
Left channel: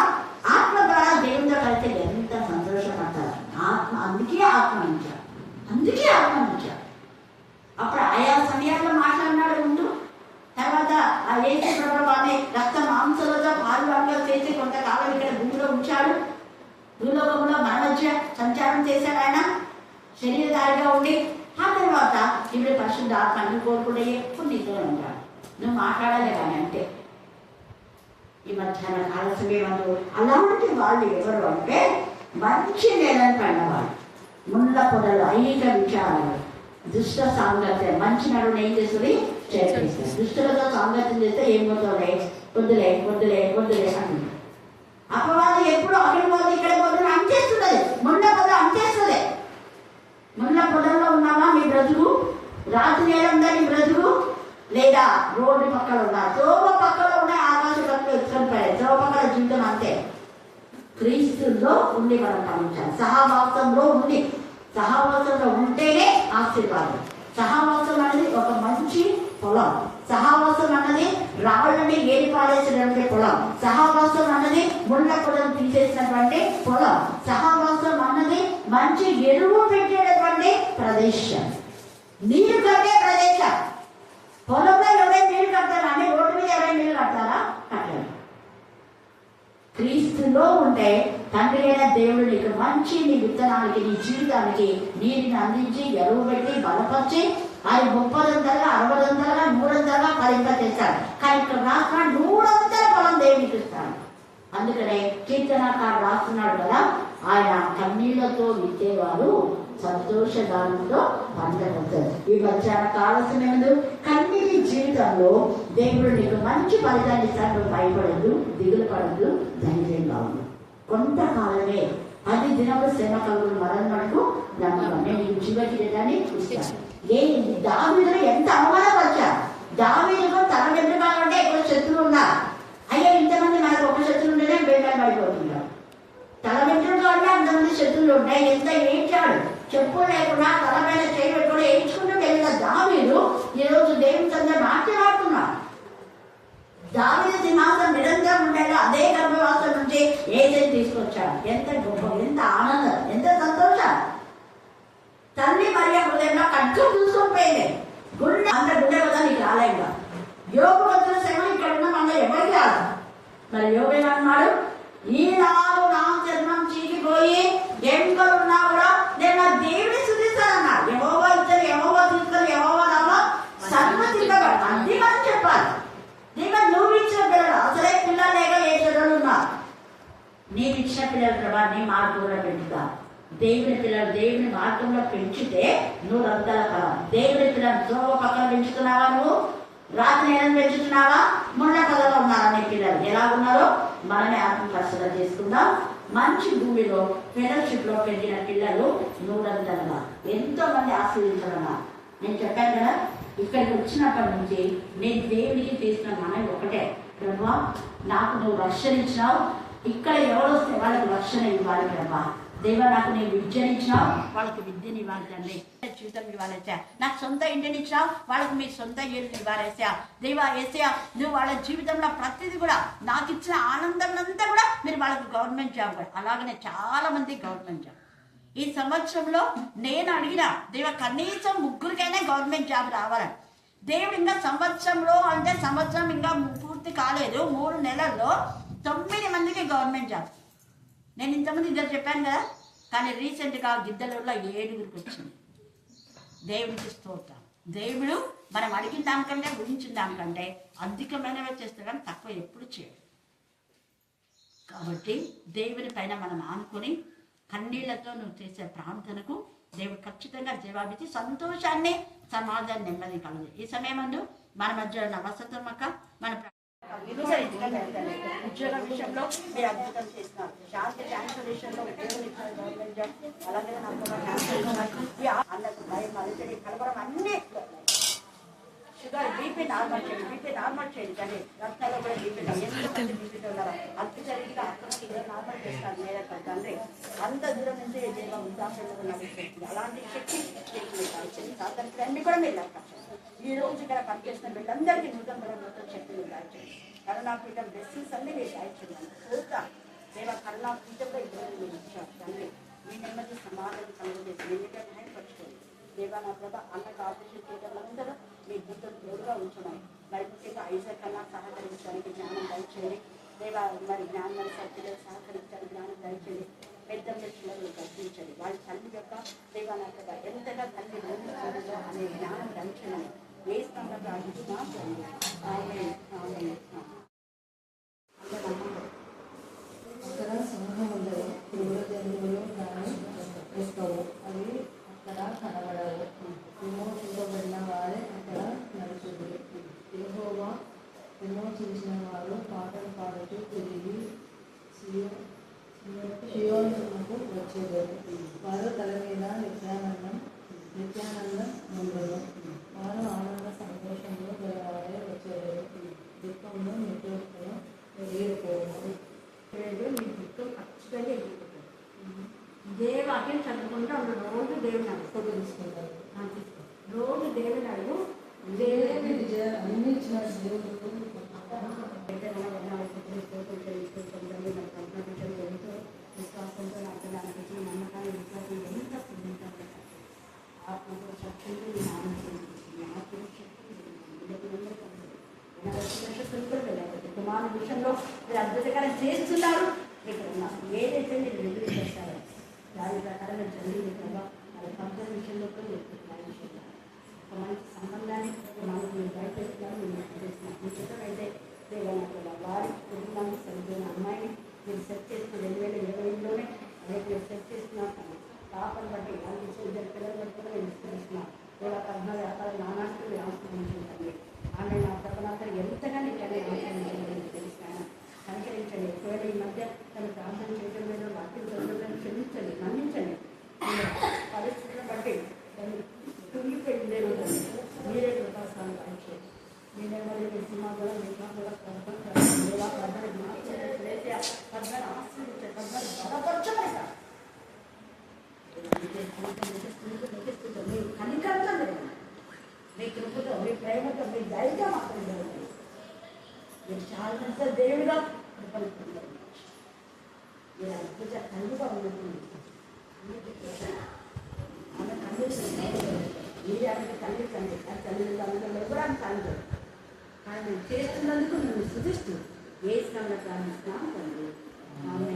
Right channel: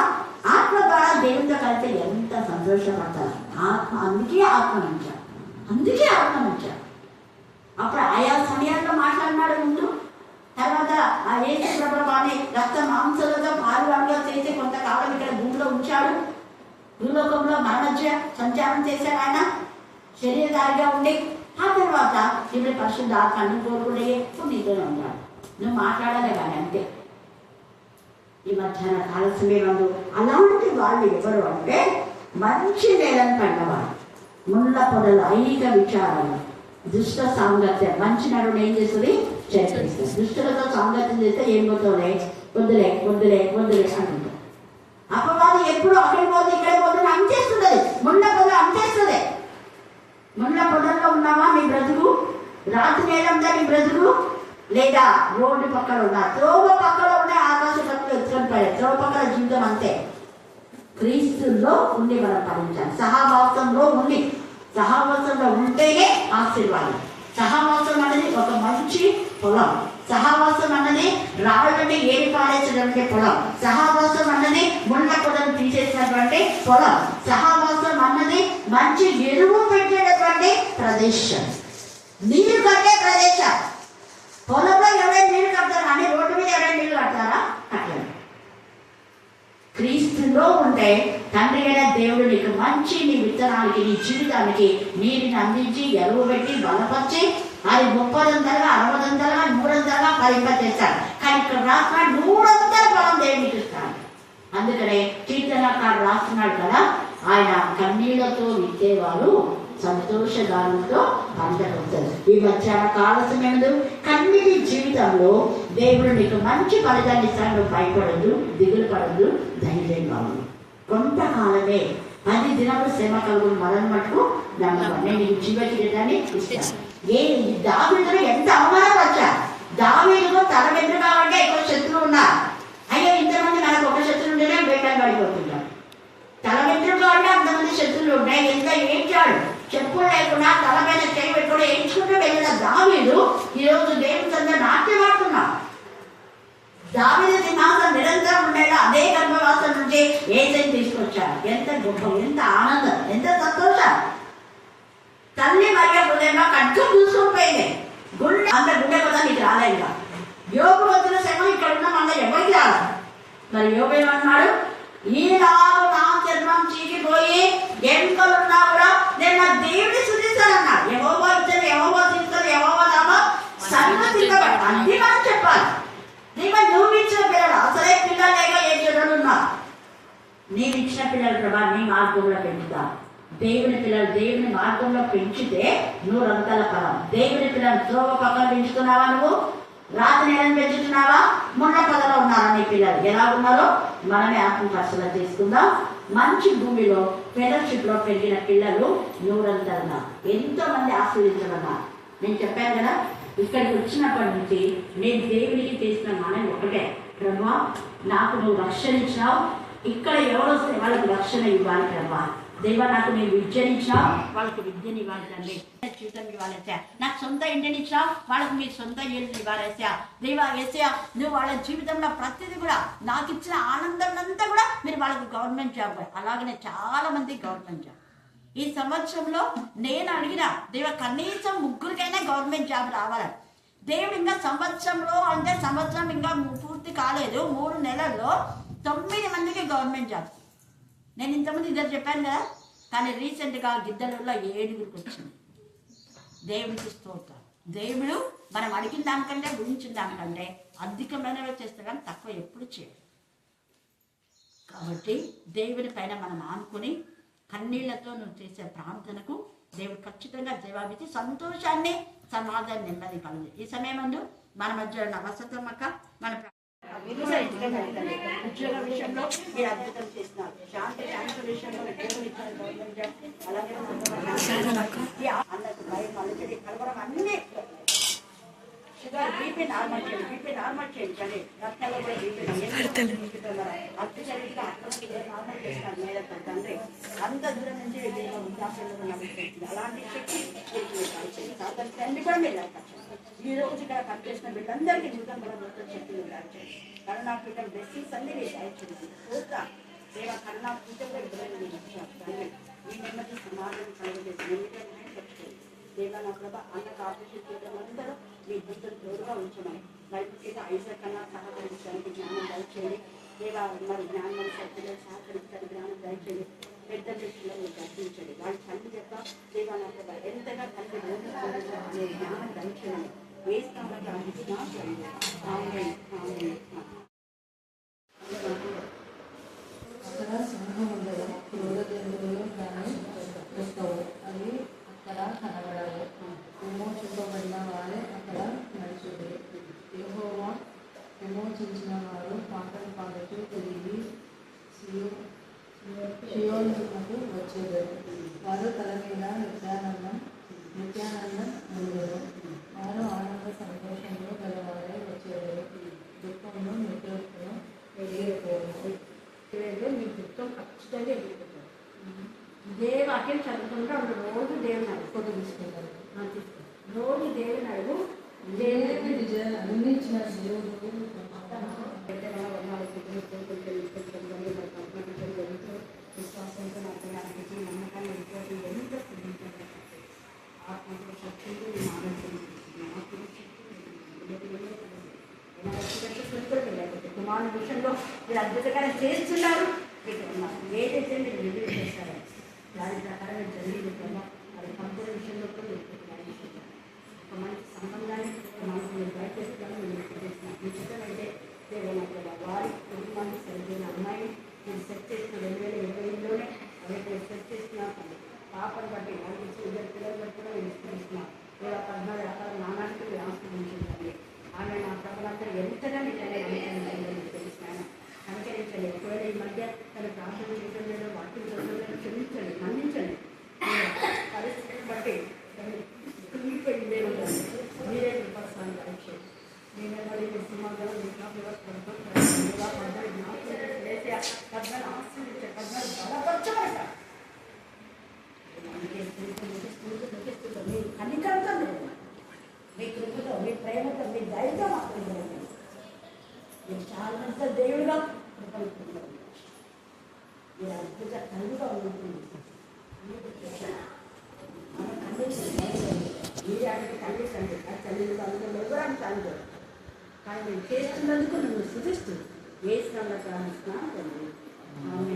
ఆత్మ ద్వారా దేవునితో కలిస్తే ఎంత సంతోషపడతారు. ఆత్మ అందుకే ఆత్మనించారు. అప్పుడు ఆయా సమయాల్లో మాట్లాడినాడు ముందు. తర్వాత ఆ ఏసే ప్రభావాన్ని రక్త మాంసలతో పాలుగా చేసి కొంతకాలం ఇక్కడ భూమిలో ఉంచాడు. భూలోకంలో మన మధ్య సంచారం చేశాడు ఆయన శరీరధారిగా ఉండి. ఆ తర్వాత ఇప్పుడు పరిశుద్ధ ఆత్మని కోరుకుంటే ఎప్పుడు నీతోనే ఉంటాడు. నువ్వు మాట్లాడాలి కానీ అంతే. ఈ మధ్యాహ్న కాల సమయంలో అలాంటి వాళ్ళు ఎవరు అంటే మంచి నేలను పడినవాళ్ళు, ముళ్ళ పొదలు, ఐహిక విచారాలు, దుష్ట సాంగత్యం. మంచి నడుని ఏం చేస్తుంది? చేస్తుంది. దుష్టులతో సాంగత్యం చేస్తే ఏం పోతావులే, వద్దులే వద్దులే వద్దులే అంటుంది. అపవాదం ఎప్పుడు అక్కడికి పోతే ఇక్కడ పోతే అంచేస్తుంది. ముళ్ళ పొదలు అంచేస్తుంది. ముళ్ళ పొదల్లో ఉన్నావా మీ బ్రతుకు? రాత్రి నేలందా నీ బ్రతుకు? లేదా రోడ్డు పక్కన ఉన్నా, త్రోవ పక్కన ఉన్న ఆకాశ పక్కన ఎత్తుకొని పడే త్రోవ పక్కన జీవితం అంతే. క్రీస్తుల్లో ఉండి మనం పాలించాలి. సహవాసంలో ఉంటేనే ఆశీర్వాదం. సహవాసం అనేది ఒక మంచి పొలం. సహవాసం అన్నది రాళ్ళని ఏరి పారేసినటువంటి పొలం. సహవాసం అన్నది ముళ్ళ పొలం తీసేసినటువంటి పొలం. సహవాసం అన్నది మంచి ఎరువు పెట్టేటటువంటి ప్రదేశం, నీరు కట్టే ప్రదేశం. పొలంలో ఎవరైనా నీళ్లు కడతారా? అని రోడ్డు మీద ఎవరైనా నీళ్లు కడతారా? కట్టలేదు. క్రీస్తులో ఉంటే తండ్రి అయిన దేవుడు నీకు మంచి నీ విత్తనానికి, నీ జీవితానికి నీటిని అందించి ఎరువు పెట్టి బలపరిచి అది 30 అంతలుగా 60 అంతలుగా 100 అంతలుగా ఫలింపచేస్తాడు. కానీ ఇక్కడ రాసిన 100 అంతల ఫలం దేవునికి ఇస్తాడు. అందుకనే కీర్తనకారు రాస్తున్నాడు కదా, ఆయన కన్నీళ్లతో విత్తేవారు సంతోషగానంతో పంటకొస్తారు. ఈ మధ్యాహ్న కాల సమయంలో కన్నీటి జీవితంలో దేవుడు నీకు మంచి ఫలితాన్ని ఇస్తాడు. నువ్వు భయపడదు, దిగులు పడదు, ధైర్యంగా ఉంది. కొంతకాలమే 10 దినాలు శ్రమ కలుగుని మనల్ని మటుకు నమ్మకం. నేను ఈ జీవకిరీటాన్ని ఇస్తాను. దావీదును ఎంత అవమానపరిచా. దావీదుకు తన వెంటున్నామంటే ఎక్కువ శత్రువు ఉన్నారు. అయ్యో ఇంతమంది మనకు ఒక శత్రువు ఉంటేనే వేటలు పడిపోతుంటారు. తల వెంట్రుగా అంటే అంతమంది శత్రువులు ఉంటాయి. ఎంత ఏడ్చాడు, చెప్పులు లేకుండా తల మీద చేయి పెట్టుకుని ఏడ్చుకుంటూ వెళ్ళిన దావీదు ఈరోజు దేవుని సంద నాట్యమాడుతున్నాడు. దావీదు సింహాసనం నిరంతరం ఉండేలా అదే గర్భవాసం నుంచి యేసుని తీసుకొచ్చాడు. ఎంత గొప్ప, ఎంత ఆనందం, ఎంత సంతోషం. తల్లి మరియ హృదయంలో కట్టుకు చూసుకుపోయింది. గుండె అంత గుండె కూడా నీకు రాలేదు. యోగు వచ్చిన శ్రమ ఇక్కడ ఉన్న మన ఎవరికి రాదు. మరి యోగు ఏమన్నాడు? ఈనాడు నా చర్మం చీకిపోయి ఎముకలున్నా కూడా నేను నా దేవుని స్తుతిస్తానన్నాడు. యెహోవా ఇచ్చాను, యెహోవా తీసుకొని, యెహోవా దాకా సర్వసిద్ధపడు. అన్ని మనం చెప్పాలి. నువ్వు ఇచ్చిన పిల్లలు అసలే పిల్లలు లేక ఏ పిల్లలు ఉన్నారు. నేను ఇచ్చిన పిల్లలు ప్రభా నీ మార్గంలో పెంచుతా. దేవుని పిల్లలు దేవుని మార్గంలో పెంచితే 100 అంతల ఫలం. దేవుని పిల్లలు త్రోవ పక్కన పెంచుతున్నావా? నువ్వు రాత్రి నేలను పెంచుతున్నావా? ముళ్ళ కళలో ఉన్నారా నీ పిల్లలు? ఎలా ఉన్నారో మనమే ఆత్మ పరిశీలన చేసుకుందాం. మంచి భూమిలో ఫెలోషిప్ లో పెరిగిన పిల్లలు 100 అంతలుగా ఎంతో మంది ఆశీర్వించాలన్నా. నేను చెప్పాను కదా, ఇక్కడికి వచ్చినప్పటి నుంచి నేను దేవునికి చేసిన మనవి ఒకటే, ప్రభా నాకు నువ్వు రక్షణ ఇచ్చినావు. ఇక్కడ ఎవరు వస్తే వాళ్ళకి రక్షణ ఇవ్వాలి ప్రభా. దేవా నాకు నేను విద్యను ఇచ్చినావు, వాళ్ళకి విద్యను ఇవ్వాలి తండ్రి. జీవితం ఇవ్వాలేసా. నాకు సొంత ఇంటిని ఇచ్చినావు, వాళ్ళకి మీ సొంత ఇల్లు ఇవ్వాలేసా. దేవా ఏసా నువ్వు వాళ్ళ జీవితంలో ప్రతిదీ కూడా నాకు ఇచ్చిన ఆనందం అంతా కూడా మీరు వాళ్ళకి గవర్నమెంట్ జాబ్ కూడా. అలాగనే చాలా మంది గవర్నమెంట్ జాబ్ ఈ సంవత్సరంలో నేను అడిగిన దేవ కనీసం 3 గవర్నమెంట్ జాబ్ రావాలని. దేవుడు ఇంకా సంవత్సరంలో అంటే సంవత్సరం ఇంకా పూర్తి పూర్తి కాలేదు, 3 నెలల్లో 9 మందికి గవర్నమెంట్ జాబ్. నేను ఇంతమంది ఇద్దరు చెప్పాను కదా, కానీ రీసెంట్గా గిద్దలూరులో 7గురికి వచ్చింది. దేవుడికి స్తోత్రం. దేవుడు మనం అడిగిన దానికంటే ఊహించిన దానికంటే అధికమైనవే చేస్తే కానీ తక్కువ ఎప్పుడు చేయడు. కాబట్టి దేవుని పైన మనం ఆనుకొని కన్నీళ్లతో నువ్వు చేసే ప్రార్థనకు దేవుడు ఖచ్చితంగా జవాబిచ్చి సంతోషాన్ని, సమాధానం, నెమ్మది కలుగు. ఈ సమయమందు మన మధ్యలో నవసతమ్మక మన ఉద్యోగ విషయంలో మీరు అద్భుతం చేస్తున్నారు. శాంతి క్యాన్సర్ విషయంలో ఉద్యోగం ఇచ్చారు గవర్నమెంట్ జాబ్. అలాగే అన్నకు భయం, అలజడి, కలవరం అన్నీ షుగర్, బీపీ నార్మల్ చేయండి. కానీ రక్తాల్లో కూడా బీపీ అతి జరిగితే అక్కడ నార్మల్ చేస్తారు. మీద తండ్రి అంత దూరం నుంచి వృద్ధాశ్రమంలో నడుస్తుంది. అలాంటి శక్తి దానికి అన్ని కూడా మీరు ఈ రోజు ఇక్కడ పనిచేసిన వీళ్ళందరికీ నూతన కూడా నూతన శక్తి మీరు దాచేయండి. కరుణాపీఠం బ్లెస్సింగ్స్ అన్ని మీరు దాచేయండి. చూద్దాం దేవ కరుణాపీఠంలో ఇద్దరు మీరు ఇచ్చారు తండ్రి. ఈ నెమ్మది సమాధానం కలుగజేసి నెమ్మది పరచుకోండి. దేవా నా ప్రభ అన్నకు ఆపరేషన్ చేయడం అందరూ మీ గుర్తులు తోడుగా ఉంచున్నాయి. మరి ముఖ్యంగా ఐజాక్ కన్నా సహకరించడానికి జ్ఞానం దయచేయండి. దేవా మరి జ్ఞానం సత్యంలో సహకరించడానికి జ్ఞానం దయచేయండి. పెద్ద వ్యక్తులను మీరు దర్శించండి. వాళ్ళ తల్లి యొక్క దేవా నా ప్రభ ఎంతగా తల్లి రోజు అనే జ్ఞానం దయచేయండి. ఏ స్థానంలో ప్రార్థిస్తున్నా అక్కడ సింహం ఉండదు, క్రూర జంతువులు దాన్ని వస్తావు, అవి అక్కడ కనబడవు. విమోచింపబడిన వారే అక్కడ నడుచుడు. యెహోవా విమోచించిన వారు పాటలు పాడుతూ తిరిగి షియోనుకు వచ్చేదారు. వారు తల మీద నిత్యానందం ఉండదు. వారు ఆనంద సంతోషంలో గలవారే వచ్చేదారు. దుఃఖంలో నిట్టూర్పును ఎగిరిపోవు. మీ దుఃఖం ఖచ్చితంగా ఎదుర్కొంటారు. ఇదే వాక్యం చదువుకుంటే రోజు దేవుని అడుగు ఫోటో తీసుకుంటారు. రోజు దేవుని అడుగు. దేవుని విజయాలు అందించిన దేవుడు విశ్వాసంతో నమ్మకాన్ని ఎంత ఆత్మతో శక్తితో కుమారుని విషయంలో మీరు అద్భుతంగానే చేస్తున్నారు. ఏదైతే మీరు ఎదురు చేస్తారో దాని ప్రకారం జరిగింది కదా. అది కంపెనీ విషయంలో కూడా ఒక మంచి సంబంధాన్ని మనకు మీరు బయటేస్తున్నాను. మీరు చేస్తున్నాను మీ చిత్రమైతే వారి కుటుంబాన్ని సరిపోయిన అమ్మాయి మీరు సెట్ చేసిన 2020లోనే రేపు మీరు సెట్ చేస్తున్నారు. పాపను బట్టి వాళ్ళకి ఇద్దరు పిల్లలు బట్టి కూడా మీరు ఇస్తున్నాం. లేదా 14 రకాల నానానికి మీరు ఆస్వాదించండి. ఆమె నా ప్రపంచం ఎంతగా మీకనే తెలుస్తాను. సంచరించండి. ఒకవేళ ఈ మధ్య తను ప్రార్థన చేయడం లేదు, వాక్యం చదవడం క్షమించండి, మన్నించండి. పరిస్థితులను బట్టి తను కుంగిపోయిందే ఉంటుంది. మీరే కృపాసాన్ని కలిచేది. మీరే మరి సినిమాగా బలపరచబడతారు. మీ కనికరంతో లేదు, మీ కృపతో, మీ ప్రేమతో, మీ ధైర్యం మాత్రం జరుగుతుంది. మీరు చాలా పెద్ద దేవుడుగా కృపలుకుంటారు. మీరు అద్భుత కలుగుగా ఉంటుంది. ఆమె ఖండించండి. మీరే అంటే ఖండించండి. అది తల్లి అందులో ఎవరాన్ని ఖండించదు. కానీ నేను చేస్తున్నందుకు నువ్వు శుద్ధిస్తూ వేసినందుకు ప్రార్థిస్తున్నాను. ఆమె